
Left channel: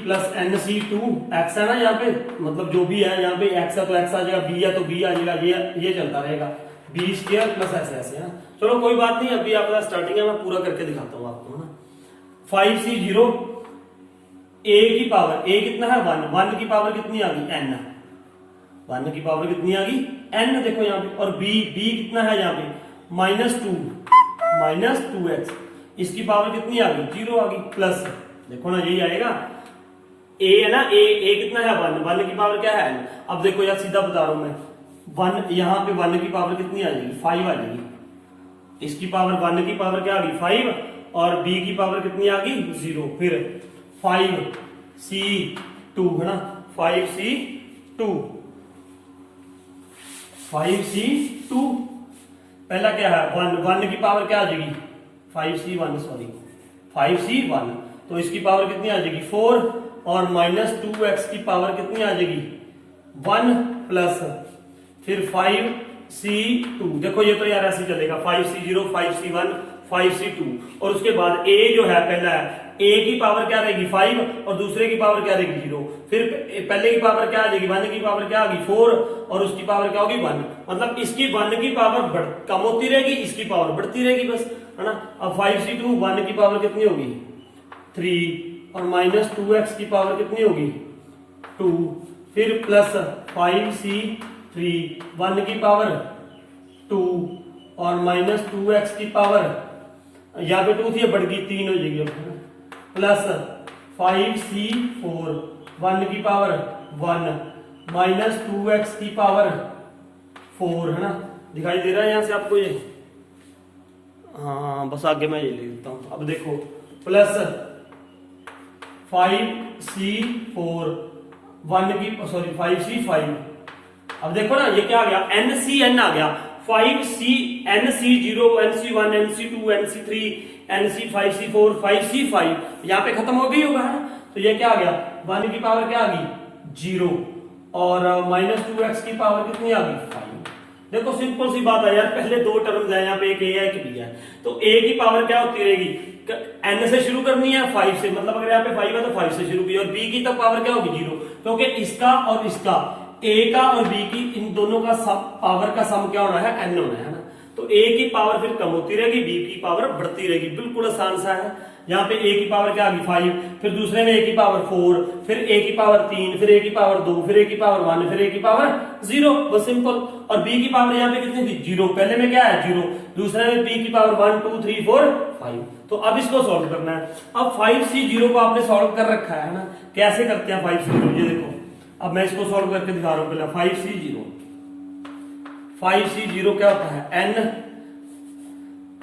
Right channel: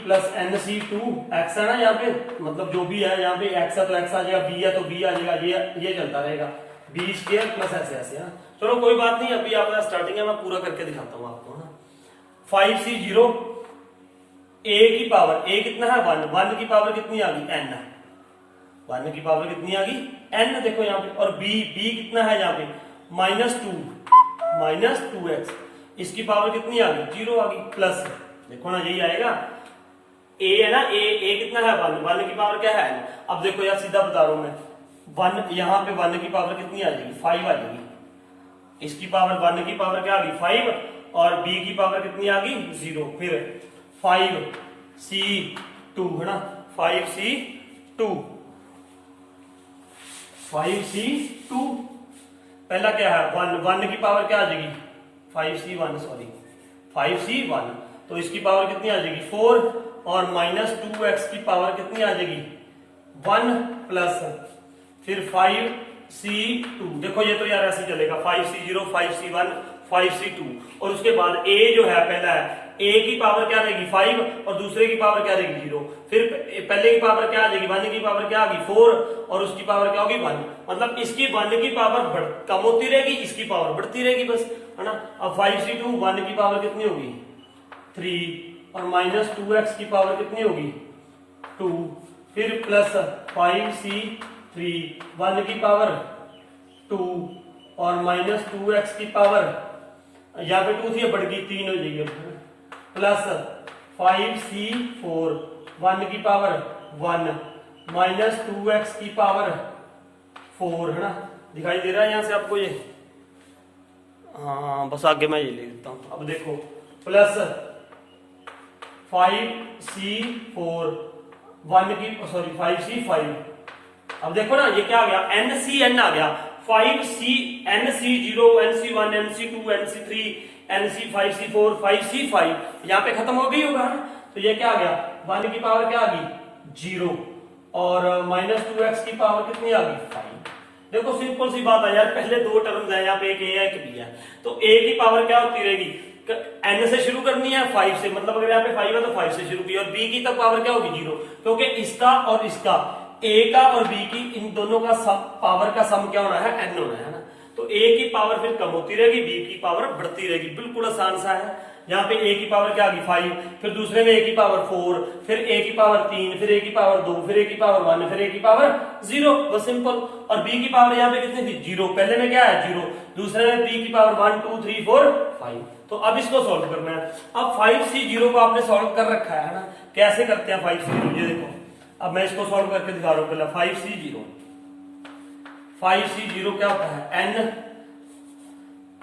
plus NC2 X है ना, यहाँ पे मतलब जो भी है, यहाँ पे X है तो X आ जाएगा, B है तो B आ जाएगा, ये चलता रहेगा, B स्क्वायर प्लस ऐसे है ना। चलो कोई बात नहीं, अभी आपका स्टार्टिंग है, मैं पूरा करके दिखाता हूँ आपको, है ना। 5C0 A की पावर, A कितना है? 1 की पावर कितनी आ गई? N। 1 की पावर कितनी आ गई? N, देखो यहाँ पे। और B कितना है यहाँ पे? -2x, इसकी पावर कितनी आ गई? 0 आ गई, प्लस देखो ना यही आएगा। A है ना, A कितना है? 1 की पावर क्या है? अब देखो यार सीधा बता रहा हूं मैं, 1 यहाँ पे 1 की पावर कितनी आ जाएगी? 5 आ जाएगी। इसकी पावर 1 की पावर क्या आ गई? 5, और B की पावर कितनी आ गई? 0। फिर 5C2 है ना, 5C2 पहला क्या है? 1 की पावर क्या आ जाएगी? 5C1, तो इसकी पावर कितनी आ जाएगी? 4, और -2x की पावर कितनी आ जाएगी? 1, प्लस फिर 5C2, देखो ये तो यार ऐसे चलेगा, 5C0, 5C1, 5C2, और उसके बाद A जो है पहला है, A की पावर क्या रहेगी? 5, और दूसरे की पावर क्या रहेगी? 0। फिर पहले की पावर क्या आ जाएगी? 1 की पावर क्या आ गई? 4, और उसकी पावर क्या होगी? 1। मतलब इसकी 1 की पावर कम होती रहेगी, इसकी पावर बढ़ती रहेगी, बस, है ना। अब 5C2 1 की पावर कितनी होगी? 3, और -2x की पावर कितनी होगी? 2, फिर प्लस 5C3 1 की पावर 2, और -2x की पावर, यहाँ पे 2 थी, बढ़ गई 3 हो जाएगी, प्लस 5C4 1 की पावर 1, -2x की पावर 4, है ना। दिखाई दे रहा है यहां से आपको ये? हाँ, बस आगे मैं ये ले लेता हूं। अब देखो, प्लस 5C4 1 की, सॉरी 5C5, अब देखो ना ये क्या आ गया? NCN आ गया। 5C, NC0, NC1, NC2, NC3, NC5, C4, 5C5, यहाँ पे खत्म हो गई होगा, है ना। तो ये क्या आ गया? 1 की पावर क्या आ गई? 0, और -2x की पावर कितनी आ गई? 5। देखो सिंपल सी बात है यार, पहले दो टर्म्स है, यहाँ पे एक A है एक B है, तो A की पावर क्या होती रहेगी? N से शुरू करनी है, 5 से, मतलब अगर यहाँ पे 5 है तो 5 से शुरू की, और B की तो पावर क्या होगी? 0, क्योंकि इसका और इसका, A का और B की, इन दोनों का सम, पावर का सम क्या होना है? N होना है ना। तो A की पावर फिर कम होती रहेगी, B की पावर बढ़ती रहेगी, बिल्कुल आसान सा है। यहाँ पे A की पावर क्या आ गई? 5, फिर दूसरे में A की पावर 4, फिर A की पावर 3, फिर A की पावर 2, फिर A की पावर 1, फिर A की पावर 0, बस सिंपल। और B की पावर यहाँ पे कितनी थी? 0, पहले में क्या है? 0, दूसरे में B की पावर 1, 2, 3, 4, 5। तो अब इसको सॉल्व करना है। अब 5C0 को आपने सॉल्व कर रखा है ना, कैसे करते हैं 5C0? ये देखो, अब मैं इसको सॉल्व करके दिखा रहा हूं। पहले 5C0 क्या होता है? N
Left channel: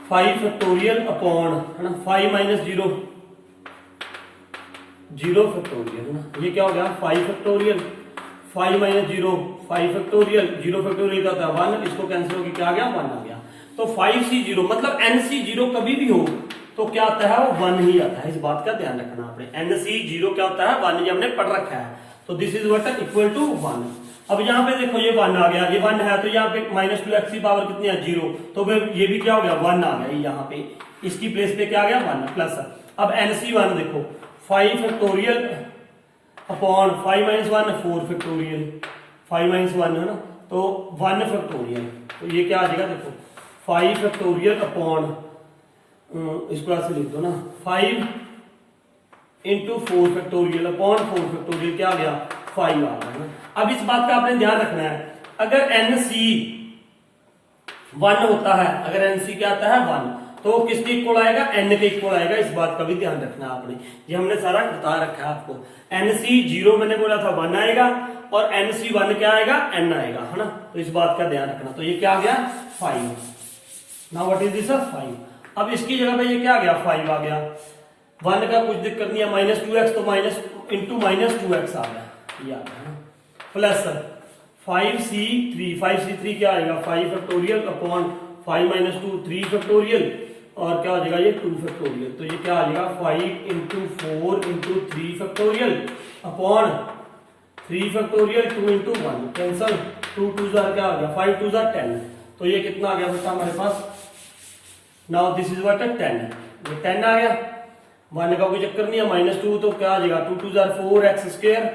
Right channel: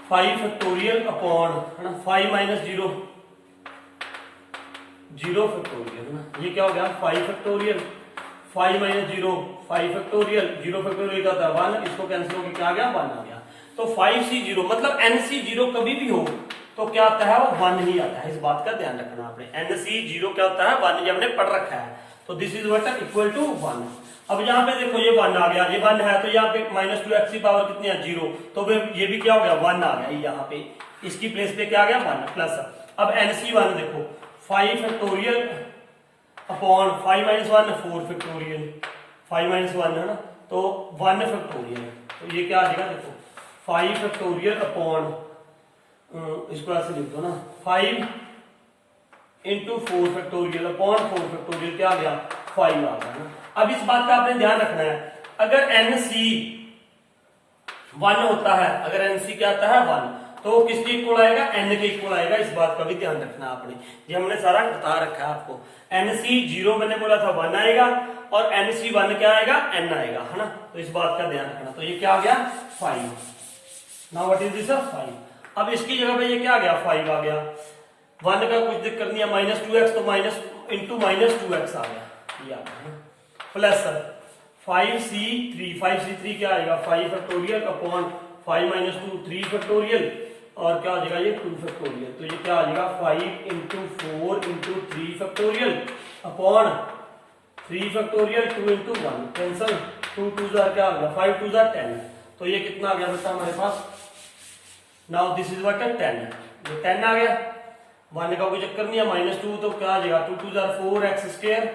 5 फैक्टोरियल अपॉन, है ना, 5 - 0 0 फैक्टोरियल, है ना। ये क्या हो गया? 5 फैक्टोरियल, 5 - 0 5 फैक्टोरियल, 0 फैक्टोरियल का होता है 1, इसको कैंसिल होकर क्या आ गया? 1 आ गया। तो 5C0 मतलब NC0 कभी भी हो तो क्या आता है? वो 1 ही आता है, इस बात का ध्यान रखना आपने। NC0 क्या होता है? 1, ये हमने पढ़ रखा है। तो this is what equal to 1। अब यहाँ पे देखो ये 1 आ गया, ये 1 है, तो यहाँ पे -2x की पावर कितनी है? 0, तो ये भी क्या हो गया? 1 आ गया, यहाँ पे इसकी प्लेस पे क्या आ गया? 1, प्लस। अब NC1 देखो, 5 फैक्टोरियल अपॉन 5 - 1 4 फैक्टोरियल, 5 - 1 है ना, तो 1 फैक्टोरियल, तो ये क्या आ जाएगा? देखो 5 फैक्टोरियल अपॉन, इसको ऐसे लिख दो ना, 5 × 4 फैक्टोरियल अपॉन 4 फैक्टोरियल, क्या आ गया? 5 आ गया ना। अब इस बात का आपने ध्यान रखना है, अगर NC वन होता है, अगर एनसी क्या आता है 1, तो वो किसके इक्वल आएगा, एन के इक्वल आएगा। इस बात का भी ध्यान रखना आपने, ये हमने सारा बता रखा है आपको। एनसी 0 मैंने बोला था 1 आएगा, और एनसी 1 क्या आएगा, एन आएगा, है ना। तो इस बात का ध्यान रखना। तो ये क्या आ गया 5। Now what is this 5। अब इसकी जगह पे ये क्या आ गया 5 आ गया। 1 का कुछ दिक्कत नहीं है, -2x, तो माइनस इंटू -2x आ गया, ये आ गया। प्लस 5c3 क्या आएगा 5 फैक्टोरियल अपॉन 5 - 2 3 फैक्टोरियल, और क्या हो जाएगा ये 2 फैक्टोरियल। तो ये क्या आ जाएगा 5 × 4 × 3 फैक्टोरियल अपॉन 3 फैक्टोरियल 2 × 1 कैंसल, 2 2 क्या आ गया 5 2 10। तो ये कितना आ गया बेटा हमारे पास, नाउ दिस इज व्हाट 10 आ गया। 1 का कोई चक्कर नहीं है, -2 तो क्या आ जाएगा 2 2 4x²,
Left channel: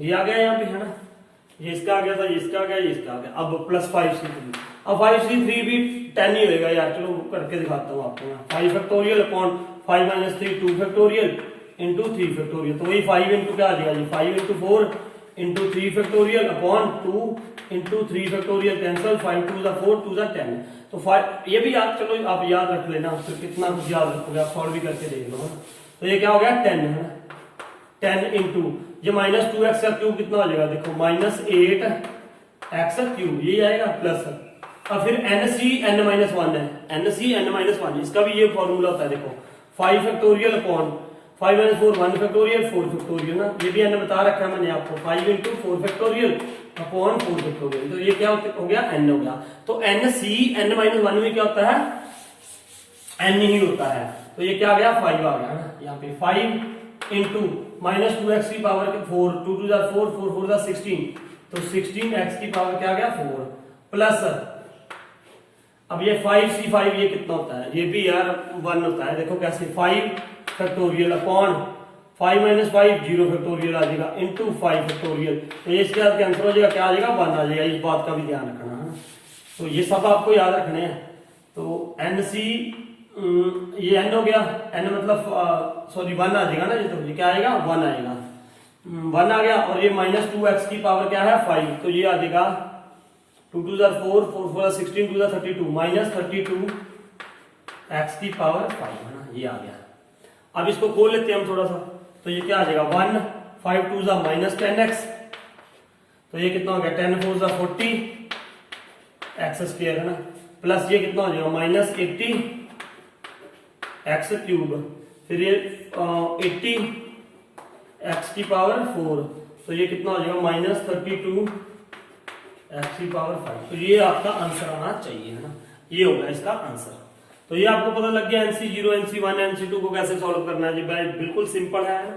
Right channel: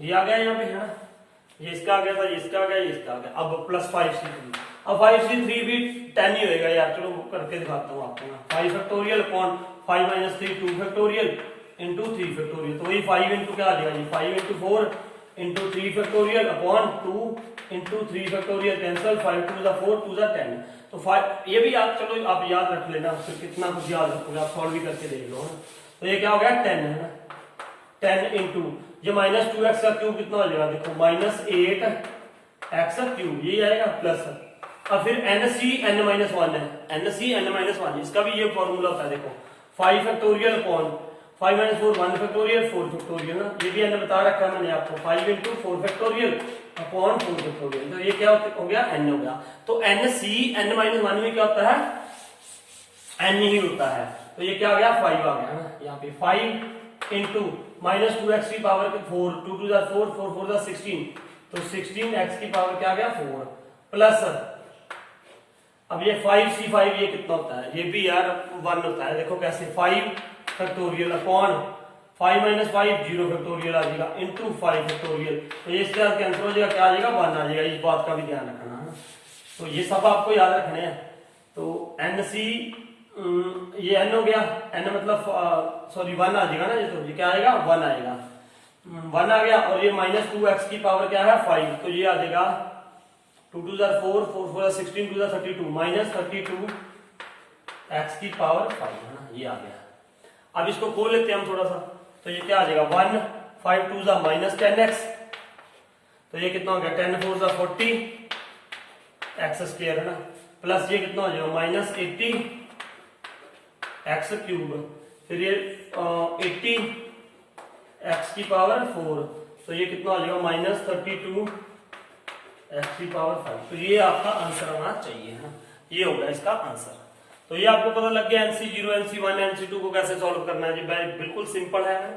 ये आ गया यहाँ पे, है ना। ये इसका आ गया था, ये इसका आ गया, ये इसका आ गया। अब प्लस 5c3, अब 5c3 भी 10 ही होएगा यार, चलो करके दिखाता हूँ आपको मैं। 5 factorial upon 5 - 3 2 factorial into 3 factorial, तो वही 5 इंटू क्या आ जाएगा ये 5 × 4 × 3 फैक्टोरियल अपॉन 2 × 3 फैक्टोरियल कैंसल, 5 2 4 2 10। तो 5 ये भी आप चलो आप याद रख लेना, फिर कितना कुछ याद रखोगे आप, सॉल्व भी करके देख लो, है ना। तो ये क्या हो गया 10, है ना। 10 इंटू ये -2x का क्यूब कितना हो जाएगा, देखो -8x³ यही आएगा, प्लस अब फिर NC(n-1) है, NC(n-1), इसका भी ये फॉर्मूला होता है, देखो 5 फैक्टोरियल अपॉन 5 - 4 1 फैक्टोरियल 4 फैक्टोरियल ना, ये भी n बता रखा है मैंने आपको, 5 × 4 फैक्टोरियल अपॉन 4 फैक्टोरियल। तो ये क्या हो गया n हो गया। तो NC(n-1) में क्या होता है, n ही होता है। तो ये क्या आ गया 5 आ गया ना, यहाँ पे 5 इंटू -2x की पावर 4 2 2 4 4 4 16, तो 16x की पावर क्या आ गया 4, प्लस अब ये 5c5 ये कितना होता है, ये भी यार 1 होता है। देखो कैसे 5 फैक्टोरियल अपॉन 5 - 5 0 फैक्टोरियल आ जाएगा इंटू 5 फैक्टोरियल, तो ये इसके साथ कैंसिल हो जाएगा, क्या आ जाएगा 1 आ जाएगा। इस बात का भी ध्यान रखना है, तो ये सब आपको याद रखने हैं। तो NC ये n हो गया, n मतलब सॉरी 1 आ जाएगा ना, ये तो ये क्या आएगा 1 आएगा, 1 आ गया। और ये -2x की पावर क्या है 5, तो ये आ जाएगा 2 2 4 4 4 16 2 32 -32x की पावर 5, है ना, ये आ गया। अब इसको खोल लेते हैं हम थोड़ा सा, तो ये क्या आ जाएगा 1 5 2 -10x, तो ये कितना हो गया 10 4 40 x², है ना, प्लस ये कितना हो जाएगा -80 x³, फिर ये 80 x की पावर 4, तो ये कितना हो जाएगा -32 x की पावर 5। तो ये आपका आंसर आना चाहिए, है ना, ये होगा इसका आंसर। तो ये आपको पता लग गया NC0 NC1 NC2 को कैसे सॉल्व करना है। जी भाई बिल्कुल सिंपल है।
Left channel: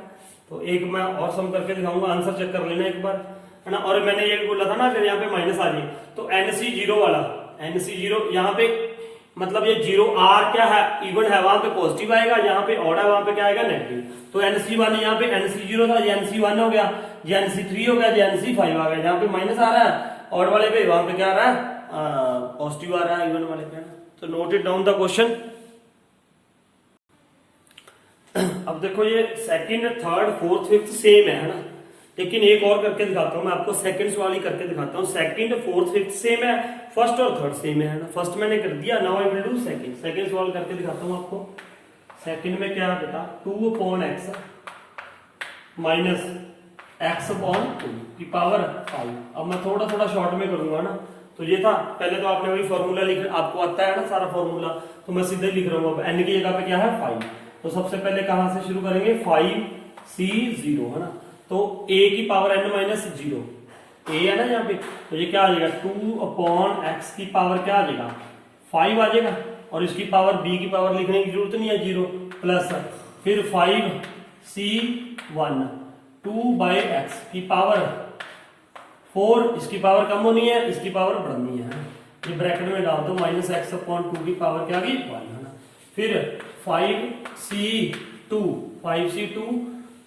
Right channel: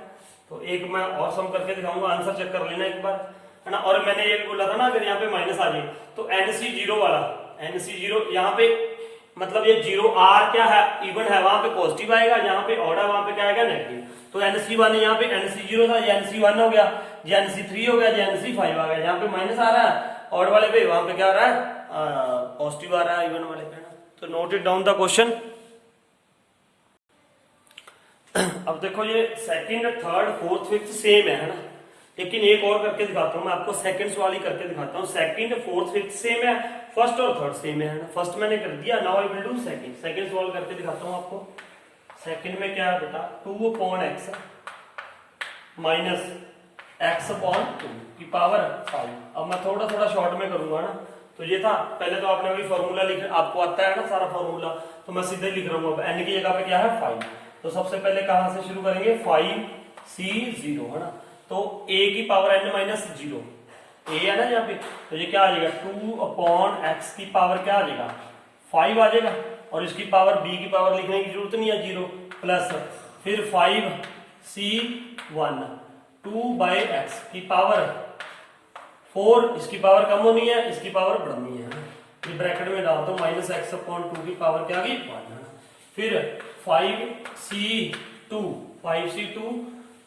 तो एक मैं और सम करके दिखाऊंगा, आंसर चेक कर लेना एक बार, है ना। और मैंने ये भी बोला था ना अगर यहाँ पे माइनस आ जाए तो NC0 वाला NC0 यहाँ पे मतलब ये 0 R क्या है इवन है, वहां पे पॉजिटिव आएगा, यहाँ पे ऑड है वहां पे क्या आएगा नेगेटिव। तो NC1 यहाँ पे NC0 था, ये NC1 हो गया, ये NC3 हो गया, ये NC5 आ गया। यहाँ पे माइनस आ रहा है ऑड वाले पे, वहां पे क्या आ रहा है पॉजिटिव आ रहा है इवन वाले पे। तो note it down the question. अब देखो ये second third fourth fifth sem है ना, लेकिन एक और करके दिखाता हूं मैं आपको, सेकंड्स वाली करके दिखाता हूं। सेकंड फोर्थ फिफ्थ सेम है, फर्स्ट और थर्ड सेम है ना। फर्स्ट मैंने कर दिया, now I will do second. Second solve करके दिखाता हूं आपको। सेकंड में क्या है बेटा 2/x माइनस x/2 की पावर 5। अब मैं थोड़ा थोड़ा शॉर्ट में करूंगा ना। तो ये था, पहले तो आपने वही फॉर्मूला लिख, आपको आता है ना सारा फॉर्मूला, तो मैं सीधे लिख रहा हूँ। अब n की जगह पे क्या है 5, तो सबसे पहले कहां से शुरू करेंगे 5c0, है ना। तो a की पावर n-0 a है ना यहाँ पे, तो ये क्या आ जाएगा 2/x की पावर क्या आ जाएगा 5 आ जाएगा, और इसकी पावर b की पावर लिखने की जरूरत नहीं है 0, प्लस फिर 5c1 2/x की पावर 4, इसकी पावर कम होनी है, इसकी पावर बढ़नी है। ये ब्रैकेट में डाल दो, -x/2 की पावर क्या आ गई 1, है ना। फिर 5c2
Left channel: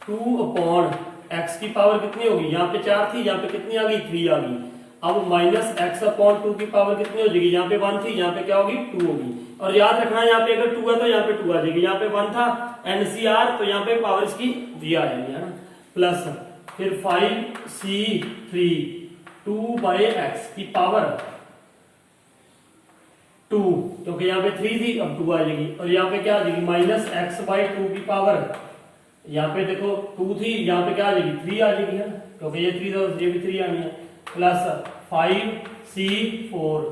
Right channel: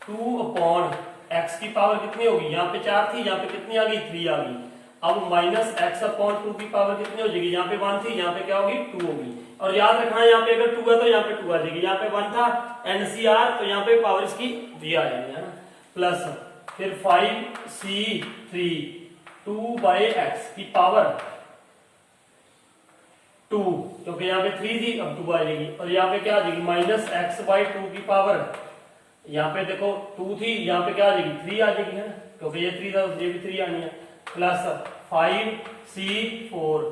2/x की पावर कितनी होगी, यहाँ पे 4 थी, यहाँ पे कितनी आ गई 3 आ गई। अब -x/2 की पावर कितनी हो जाएगी, यहाँ पे 1 थी, यहाँ पे क्या होगी 2 होगी। और याद रखना यहाँ पे अगर 2 है तो यहाँ पे 2 आ जाएगी, यहाँ पे 1 था NCR, तो यहाँ पे पावर इसकी 3 आ जाएगी, है ना। प्लस फिर 5c3 2/x की पावर 2, क्योंकि यहाँ पे 3 थी, अब 2 आ जाएगी। और यहाँ पे क्या आ जाएगी, माइनस एक्स बाई 2 की पावर, यहाँ पे देखो 2 थी, यहाँ पे क्या आ जाएगी 3 आ जाएगी, है ना, क्योंकि ये 3 था तो ये भी 3 आनी है। प्लस 5c4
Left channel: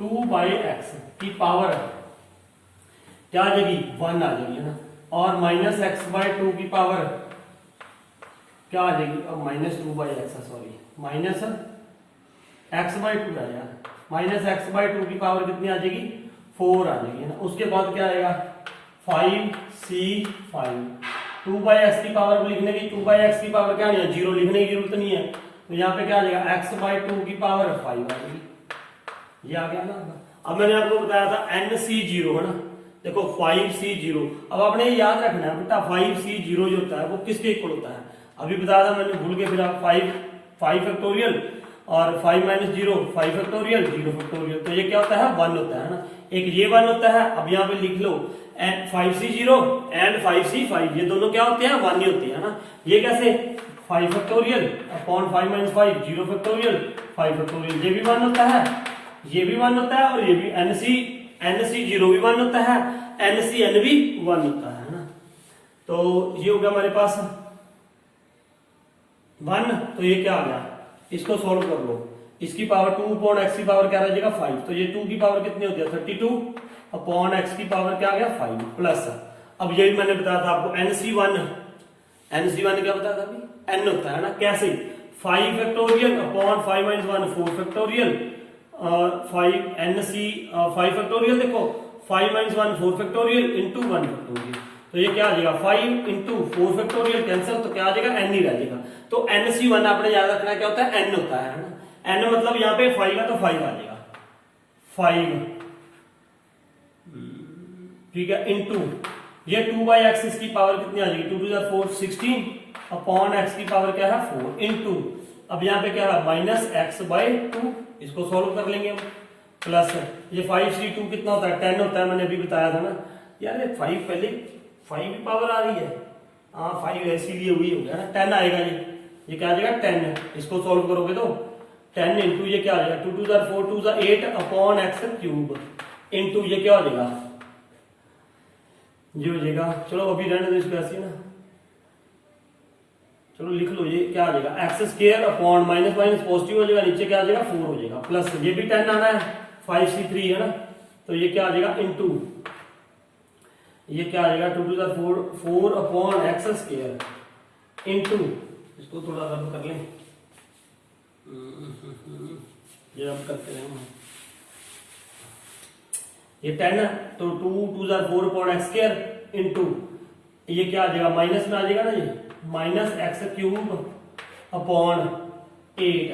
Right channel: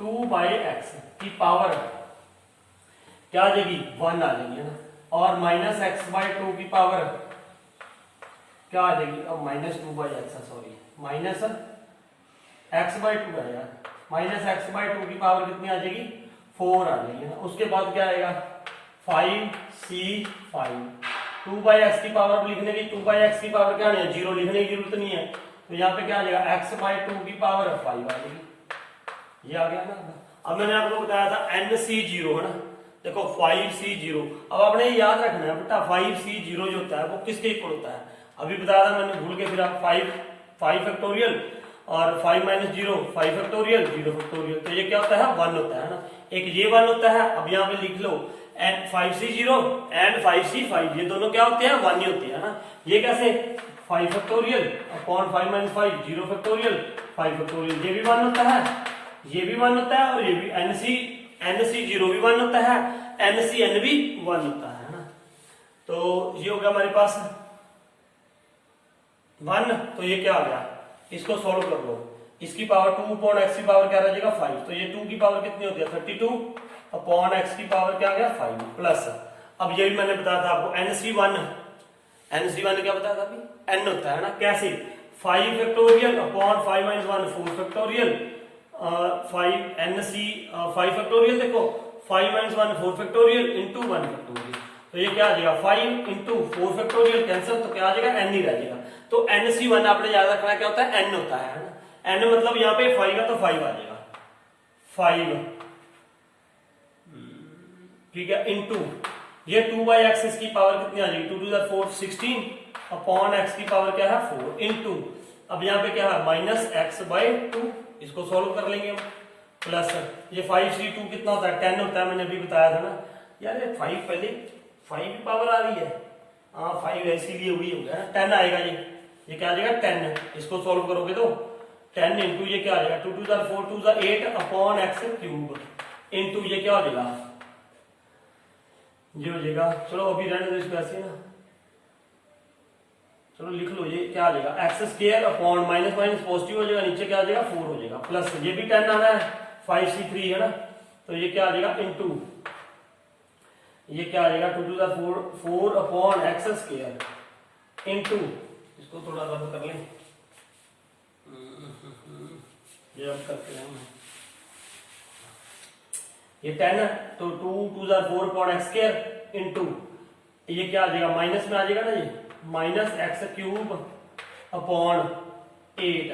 2 बाई एक्स की पावर क्या आ जाएगी 1 आ जाएगी, है ना। और माइनस एक्स बाई 2 की पावर क्या आ जाएगी, अब minus 2 by x, sorry minus x by 2 है यार, माइनस एक्स बाई 2 की पावर कितनी आ जाएगी 4 आ जाएगी, है ना। उसके बाद क्या आएगा 5c5 2 बाई एक्स की पावर लिखने की, 2 बाई एक्स की पावर क्या नहीं है 0, लिखने की जरूरत नहीं है, तो यहाँ पे क्या आ जाएगा एक्स बाई 2 की पावर 5 आ जाएगी, ये आ गया ना। अब मैंने आपको बताया था NC0, है ना, देखो 5c0, अब आपने ये याद रखना है बेटा 5c0 जो होता है वो किसके इक्वल होता है, अभी बताया था मैंने, भूल के फिर आप 5 फैक्टोरियल और 5 माइनस 0 5 फैक्टोरियल 0 फैक्टोरियल, तो ये क्या होता है 1 होता है ना, एक ये 1 होता है। अब यहाँ पे लिख लो 5c0 एंड 5c5, ये दोनों क्या होते हैं 1 ही होते हैं ना। ये कैसे 5 factorial upon 5 minus 5 0 factorial 5 factorial, ये भी 1 होता है, ये भी 1 होता है, और ये भी NC0 भी 1 होता है, NCN भी 1 होता है ना। तो ये हो गया हमारे पास 1, तो ये क्या आ गया, इसको सॉल्व कर लो, इसकी पावर 2 अपॉन एक्स की पावर क्या रह जाएगा 5, तो ये 2 की पावर कितनी होती है 32 अपॉन एक्स की पावर क्या आ गया 5 प्लस, अब ये भी मैंने बताया था आपको NC1 क्या बताया था अभी, n होता है ना, कैसे 5 factorial upon 5 minus 1 4 factorial 5 factorial, देखो 5 माइनस 1 4 फैक्टोरियल इंटू 1 फैक्टोरियल, तो ये क्या आ जाएगा 5 इंटू 4 फैक्टोरियल कैंसिल, तो क्या आ जाएगा n ही रह जाएगा। तो NC1 आपने याद रखना क्या होता है n होता है ना, n मतलब यहाँ पे 5 है तो 5 आ जाएगा 5, ठीक है, इंटू ये 2 बाई एक्स, इसकी पावर कितनी आ जाएगी 2 टू 4 16 अपॉन एक्स की पावर क्या है 4 इंटू, अब यहाँ पे क्या है माइनस एक्स बाई 2, इसको सॉल्व कर लेंगे हम, प्लस ये 5c2 कितना होता है 10 होता है, मैंने अभी बताया था ना यार, ये 5 पहले 5 की पावर आ रही है, हाँ 5 इसीलिए हुई हो गया ना, 10 आएगा ये क्या आ जाएगा 10, इसको सॉल्व करोगे तो 10 इंटू ये क्या आ जाएगा 2 to 4 2 8 upon X cube into ये क्या हो जाएगा ये हो जाएगा, चलो अभी रहने दो इसको ऐसे ना, चलो लिख लो ये क्या आ जाएगा x square upon minus minus positive हो जाएगा, नीचे क्या आ जाएगा 4 हो जाएगा, प्लस ये भी 10 आना है 5c3 है ना, तो ये क्या आ जाएगा इंटू ये क्या आ जाएगा 2 to 4 upon X square into, इसको थोड़ा रद्द कर लें, ये अब करते हैं ये 10 है, तो 2 to 4 upon X square into ये क्या आ जाएगा माइनस में आ जाएगा ना, ये माइनस एक्स क्यूब अपॉन 8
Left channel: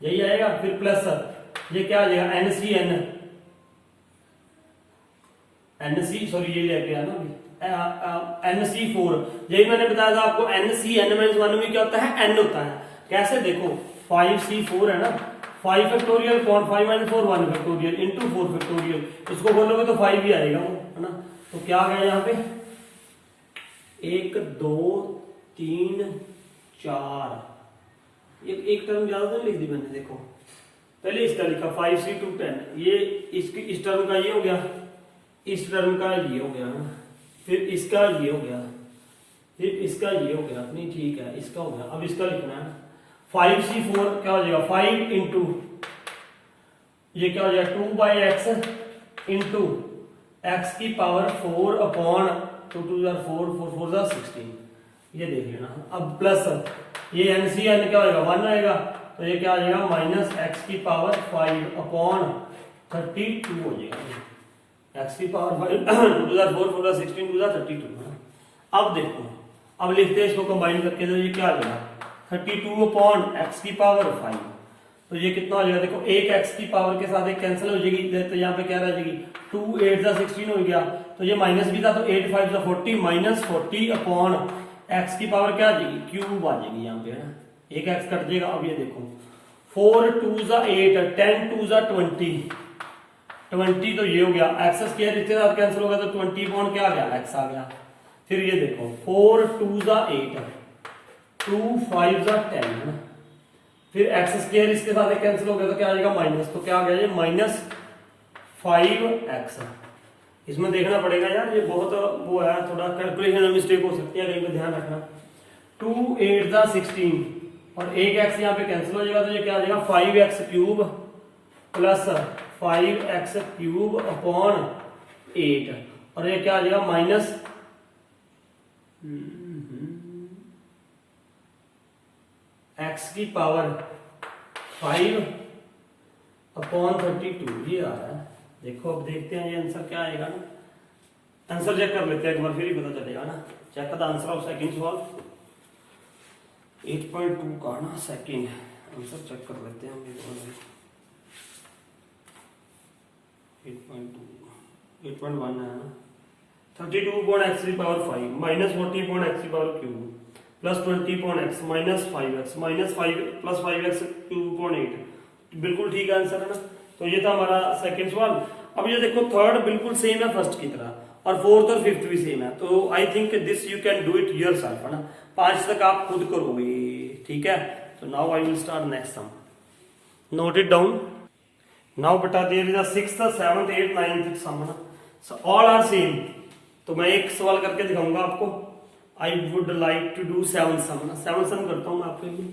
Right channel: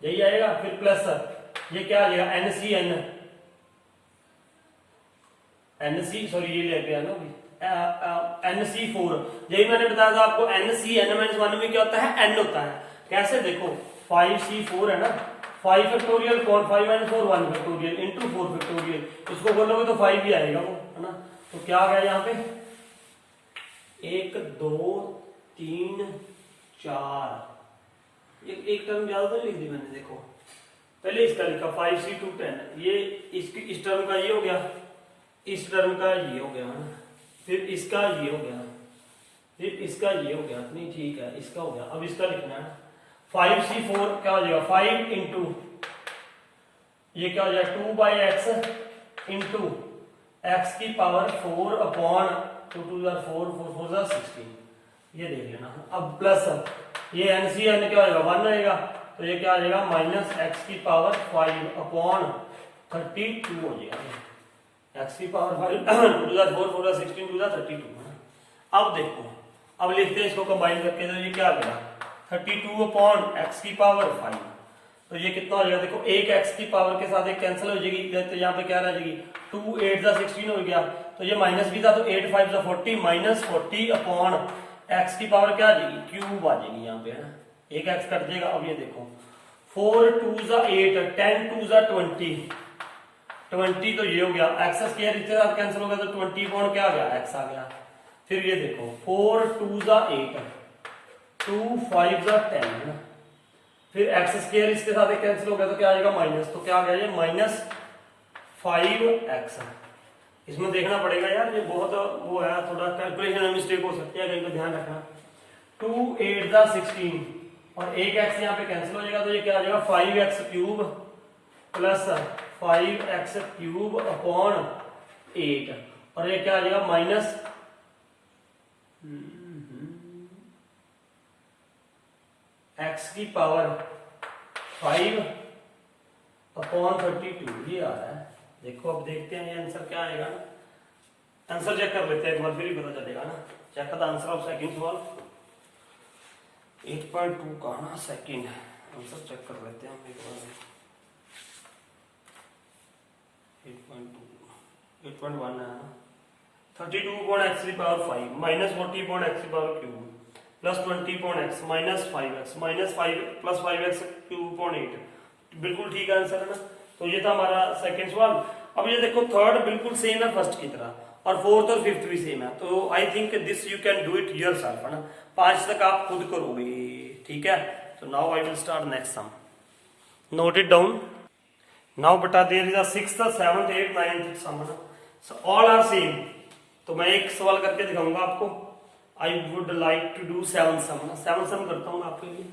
यही आएगा, फिर प्लस ये क्या आ जाएगा NC सॉरी ये लेके आया ना NC4, यही मैंने बताया था आपको NCN-1 में क्या होता है n होता है, कैसे देखो 5c4 है ना, 5 factorial upon 5 minus 4 1 factorial into 4 factorial, इसको खोलोगे तो 5 ही आएगा वो, है ना। तो क्या आ गया यहाँ पे 1 2 3 4, एक टर्म ज्यादा तो लिख दी मैंने, देखो पहले इसका लिखा 5c2 10, ये इस टर्म का ये हो गया, इस टर्म का ये हो गया, फिर इसका ये हो गया, फिर इसका ये हो गया, नहीं ठीक है इसका हो गया, अब इसका लिखना है 5c4 क्या हो जाएगा 5 इंटू ये क्या हो जाएगा 2 बाई एक्स इंटू एक्स की पावर 4 अपॉन 2 टू 4 4 4 16, ये देख लेना। अब प्लस ये NCN क्या हो जाएगा 1 रहेगा, तो ये क्या आ जाएगा माइनस एक्स की पावर 5 अपॉन 32 हो जाएगा, एक्स की पावर 5 2 टू 4 4 16 टू 32। अब देखो अब लिखते हैं इसको कंबाइन करके, तो ये क्या आ जाएगा 32 अपॉन एक्स की पावर 5, तो ये कितना हो जाएगा देखो, एक एक्स की पावर के साथ एक कैंसिल हो जाएगी, तो यहाँ पे क्या रह जाएगी 2 8 16 हो गया, तो ये माइनस भी था तो 8 5 40 माइनस 40 अपॉन एक्स की पावर क्या आ जाएगी क्यूब आ जाएगी यहाँ पे, है ना, एक एक्स कट जाएगा। अब ये देखो 4 2 8 10 2 20 तो ये हो गया, एक्स स्क्वायर इसके साथ कैंसिल हो गया तो 20 अपॉन क्या आ गया एक्स आ गया। फिर ये देखो 4 2 8 2 5 10 है ना, फिर एक्स स्क्वायर इसके साथ कैंसिल हो गया तो क्या आ जाएगा माइनस, तो क्या आ गया ये माइनस 5x। इसमें देखना पड़ेगा यार, ये बहुत वो है, थोड़ा कैलकुलेशन में मिस्टेक हो सकती है, कहीं पे ध्यान रखना। 2 8 16 और एक एक्स यहाँ पे कैंसिल हो जाएगा, तो ये क्या आ जाएगा 5x cube plus 5x cube upon 8, और ये क्या आ जाएगा माइनस x की पावर 5 अपॉन 32, ये आ रहा है। देखो अब देखते हैं ये आंसर क्या आएगा ना, आंसर चेक कर लेते हैं एक बार, फिर ही पता चलेगा ना। Check the answer of second सवाल 8.2 का ना सेकंड आंसर चेक कर लेते हैं हम। 8.1 है ना। 32 upon x की पावर 5 माइनस 40 upon x की power cube plus 20 upon x minus 5x minus 5 plus 5x cube upon 8, बिल्कुल ठीक आंसर है ना। तो ये था हमारा सेकंड सवाल। अब ये देखो थर्ड बिल्कुल सेम है फर्स्ट की तरह, और फोर्थ और फिफ्थ भी सेम है, तो I think this you can do it yourself, है ना। 5 तक आप खुद करोगे, ठीक है। तो now I will start next sum, note it down now. बेटा there is a 6th 7th 8th 9th sum, है ना, सो ऑल आर सेम। तो मैं एक सवाल करके दिखाऊंगा आपको। I would like to do 7th sum, है ना। 7th सम करता हूं मैं आपके लिए।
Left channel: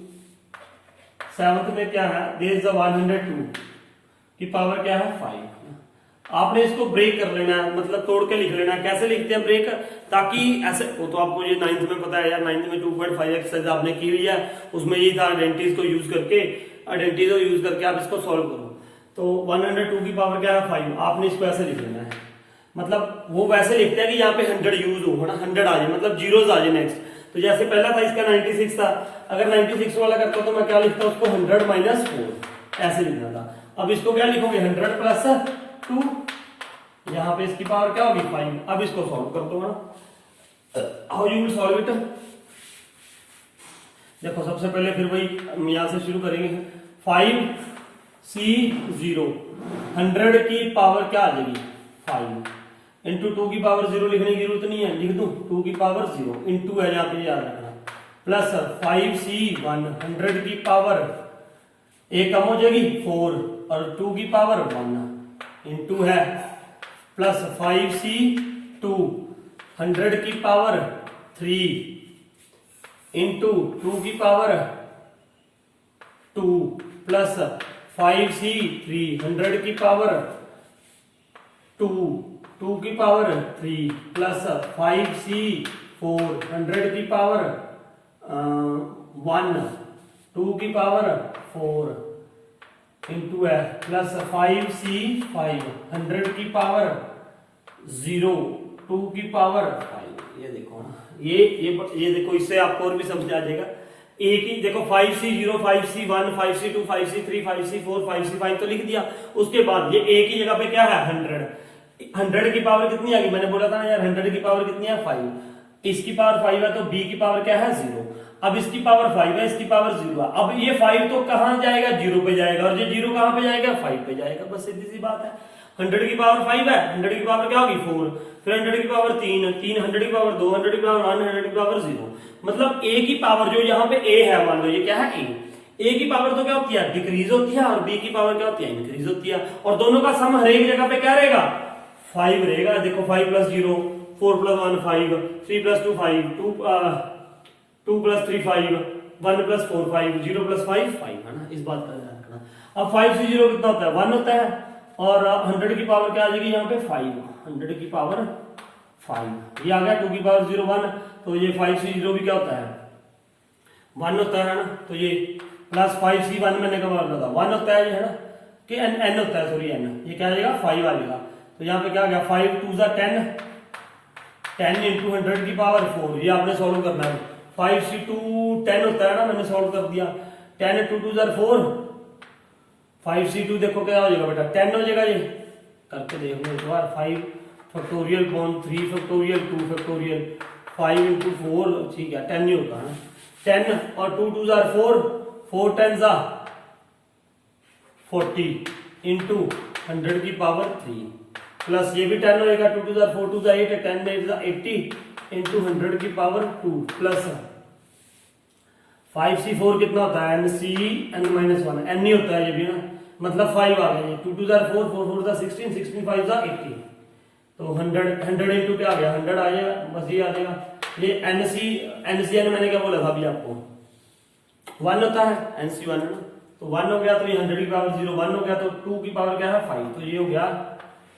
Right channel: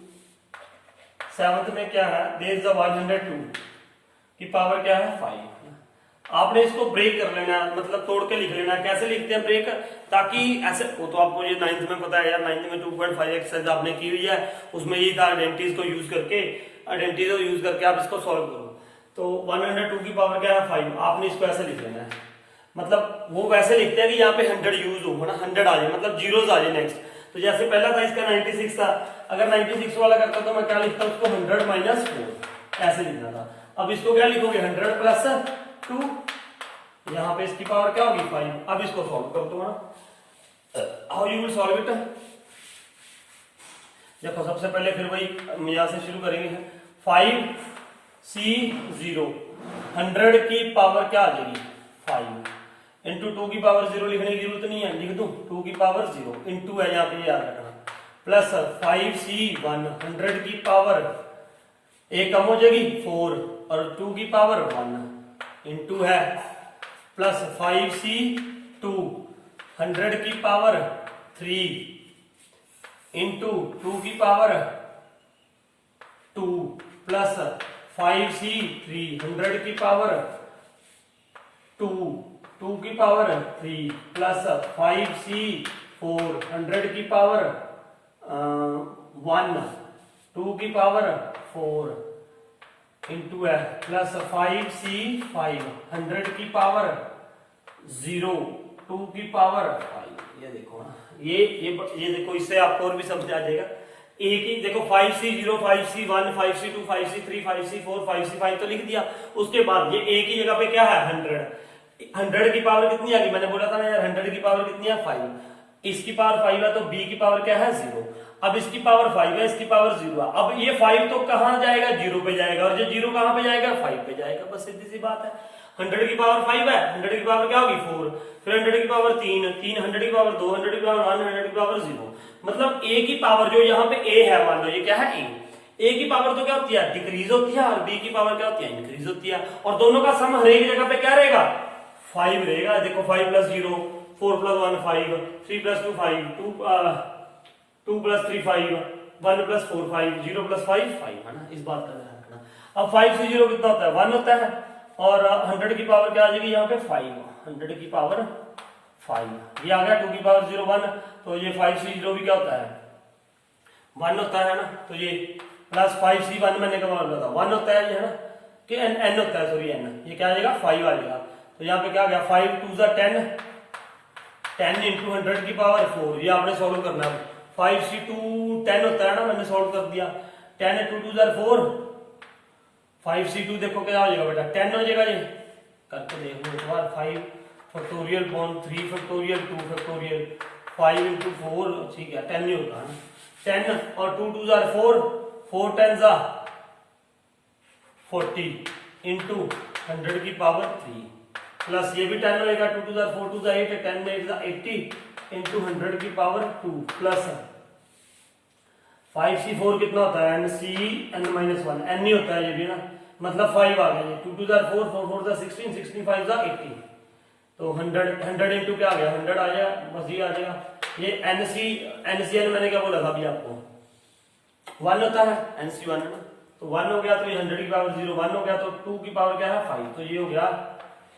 7th में क्या है, देयर इज अ 102 की पावर क्या है 5। आपने इसको ब्रेक कर लेना है, मतलब तोड़ के लिख लेना है। कैसे लिखते हैं ब्रेक, ताकि ऐसे वो तो आपको ये 9th में पता है यार, 9th में 2.5 एक्सरसाइज आपने की हुई है, उसमें ये था आइडेंटिटीज को यूज करके आप इसको सॉल्व करो। तो 102 की पावर क्या है 5, आपने इसको ऐसे लिख लेना है। मतलब वो वैसे लिखते हैं कि यहाँ पे 100 यूज हो, है ना, 100 आ जाए, मतलब जीरोस आ जाए नेक्स्ट। तो जैसे पहला था इसका 96 था, अगर 96 वाला करता तो मैं क्या लिखता, उसको 100 माइनस 4 ऐसे लिखना था। अब इसको क्या लिखोगे 100 प्लस 2, यहाँ पे इसकी पावर क्या होगी 5। अब इसको सॉल्व कर दो ना, how you will solve it. देखो सबसे पहले फिर वही यहां से शुरू करेंगे। 5C0 100 की पावर क्या आ जाएगी 5 इंटू 2 की पावर 0 लिखने की जरूरत नहीं है, लिख दो 2 की पावर 0 इंटू है यहाँ पे याद रखना, प्लस 5C1 100 की पावर एक कम हो जाएगी 4 और 2 की पावर 1 इंटू है, प्लस 5C2 100 की पावर 3 इंटू 2 की पावर 2 प्लस 5C3 100 की पावर 2 2 की पावर 3 प्लस 5C4 100 की पावर 1 2 की पावर 4 इंटू है, प्लस 5C5 100 की पावर 0 2 की पावर 5। ये देखो ना, ये देखो, इससे आपको और भी समझ आ जाएगा। एक ही देखो 5C0 5C1 5C2 5C3 5C4 5C5 तो लिख दिया। उसके बाद ये एक ही जगह पे क्या है 100 की पावर कितनी आ गई, मैंने बोला था ना यार 100 की पावर कितनी है 5, इसकी पावर 5 है तो b की पावर क्या है 0। अब इसकी पावर 5 है, इसकी पावर 0 है। अब ये 5 तो कहां जाएगा 0 पे जाएगा, और ये 0 कहां पे जाएगा 5 पे जाएगा, बस सीधी सी बात है। 100 की पावर 5 है, 100 की पावर क्या होगी 4, फिर 100 की पावर 3 100 की पावर 2 100 की पावर 1 100 की पावर 0। मतलब a की पावर जो यहाँ पे a है, मान लो ये क्या है a की पावर तो क्या होती है डिक्रीज होती है, और b की पावर क्या होती है इंक्रीज होती है, और दोनों का सम हर एक जगह पे क्या रहेगा 5 रहेगा। देखो 5 plus 0 4 plus 1 5 3 plus 2 5 2 plus 3 5 1 plus 4 5 0 plus 5 5, है ना, इस बात का ध्यान रखना। अब 5C0 कितना होता है 1 होता है, और 100 की पावर क्या आ जाएगी यहाँ पे 5 100 की पावर 5, ये आ गया 2 की पावर 0 1, तो ये 5C0 भी क्या होता है 1 होता है ना, तो ये प्लस 5C1 मैंने कहा था 1 होता है, ये है ना, कि n होता है, सॉरी n, ये क्या आ जाएगा 5 आ जाएगा। तो यहाँ पे क्या आ गया 5 2 10 इंटू 100 की पावर 4, ये आपने सॉल्व करना है। 5C2 10 होता है ना, मैंने सॉल्व कर दिया, 10 इंटू 2 4 5C2 देखो क्या हो जाएगा बेटा 10 हो जाएगा, ये करके देख लो एक बार। 5 factorial upon 3 factorial 2 factorial 5 into 4, ठीक है 10 ही होगा ना, 10 और 2 2 4 4 10 40 इंटू 100 की पावर 3, प्लस ये भी 10 होएगा 2 2 4 2 8 10 8 80 इंटू 100 की पावर 2, प्लस 5C4 कितना होता है NC n-1 n ही होता है ये भी ना, मतलब 5 आ गया, 2 2 4 4 4 4 16 16 5 18, तो 100 इंटू क्या आ गया 100 आ गया, बस ये आ जाएगा। ये एनसीएन मैंने क्या बोला था अभी आपको 1 होता है, एनसी 1 है ना, तो 1 हो गया तो ये 100 की पावर 0 1 हो गया, तो 2 की पावर क्या है 5, तो ये हो गया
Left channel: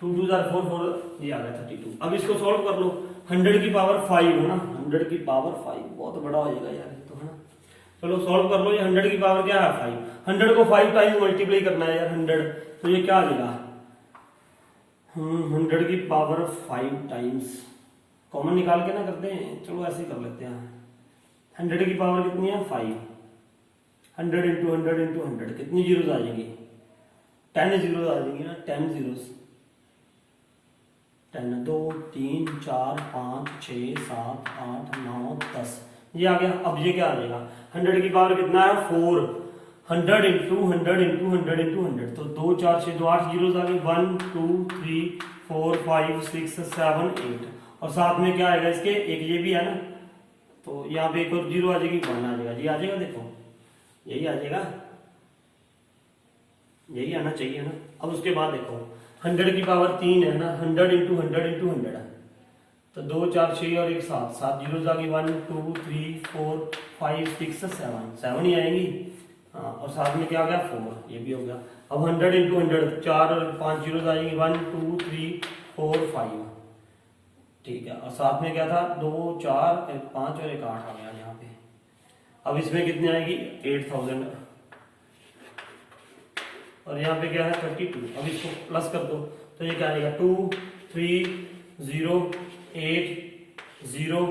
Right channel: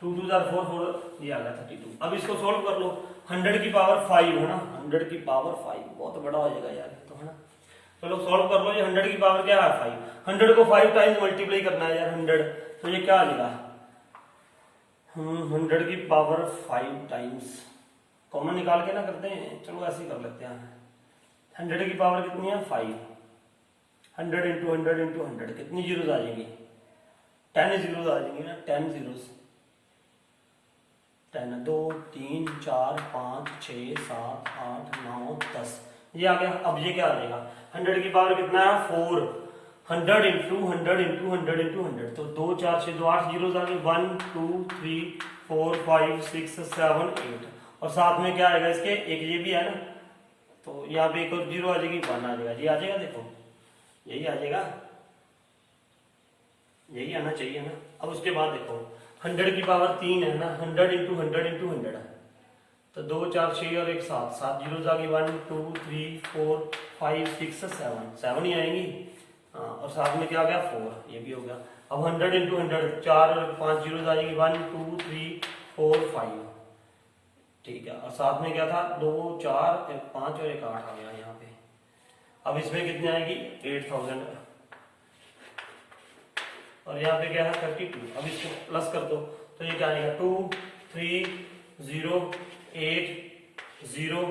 2 2 4 4 4, ये आ गया 32। अब इसको सॉल्व कर लो, 100 की पावर 5 है ना, 100 की पावर 5 बहुत बड़ा हो जाएगा यार तो, है ना। चलो सॉल्व कर लो, ये 100 की पावर क्या है 5, 100 को 5 टाइम्स मल्टीप्लाई करना है यार 100, तो ये क्या आ जाएगा 100 की पावर 5 टाइम्स, कॉमन निकाल के ना करते हैं, चलो ऐसे ही कर लेते हैं। 100 की पावर कितनी है 5, 100 इंटू 100 इंटू 100 कितनी जीरोस आ जाएंगी 10 जीरोस आ जाएंगी ना, 10 जीरोस, 10 2 3 4 5 6 7 8 9 10, ये आ गया। अब ये क्या आ जाएगा 100 की पावर कितना है 4, 100 इंटू 100 इंटू 100 इंटू 100, तो 2 4 6 2 8 जीरोस आ गए, 1 2 3 4 5 6 7 8, और साथ में क्या आएगा इसके एक ये भी है ना, तो यहाँ पे एक और जीरो आ जाएगी, 1 आ जाएगा, ये आ जाएगा, देखो यही आ जाएगा, यही आना चाहिए ना। अब उसके बाद देखो 100 की पावर 3 है ना, 100 इंटू 100 इंटू 100, तो 2 4 6 और एक 7 7 जीरो आ गई, 1 2 3 4 5 6 7 ही आएंगी, हाँ, और साथ में क्या आ गया 4, ये भी हो गया। अब 100 इंटू 100 4 और 5 जीरो आएगी, 1 2 3 4 5, ठीक है, और साथ में क्या था 2 4 एक 5 और एक 8 आ गया यहाँ पे। अब इसमें कितनी आएगी 8000, और यहाँ पे क्या है 32, अब इसको प्लस कर दो, तो ये क्या आएगा 2 3 0 8 0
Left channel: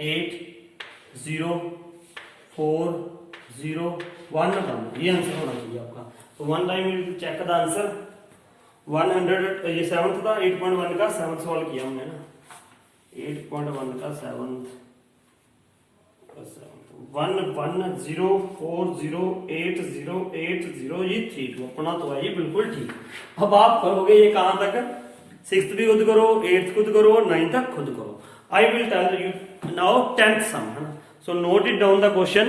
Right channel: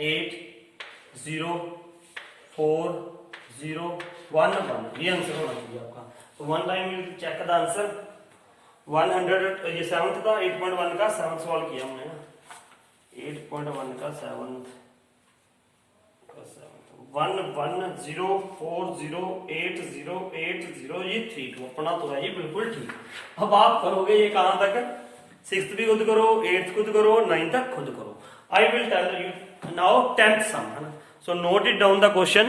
8 0 4 0 1 1, ये आंसर होना चाहिए आपका। तो 1 time will check the answer 100, ये 7th था, 8.1 का 7th सॉल्व किया हमने ना, 8.1 का 7th 1 1 0 4 0 8 0 8 0, ये 3 2 अपना तो है ये बिल्कुल ठीक। अब आप करोगे ये कहां तक, 6th भी खुद करो, 8th खुद करो, 9th तक खुद करो। I will tell you now 10th sum, है ना। So note it down the question.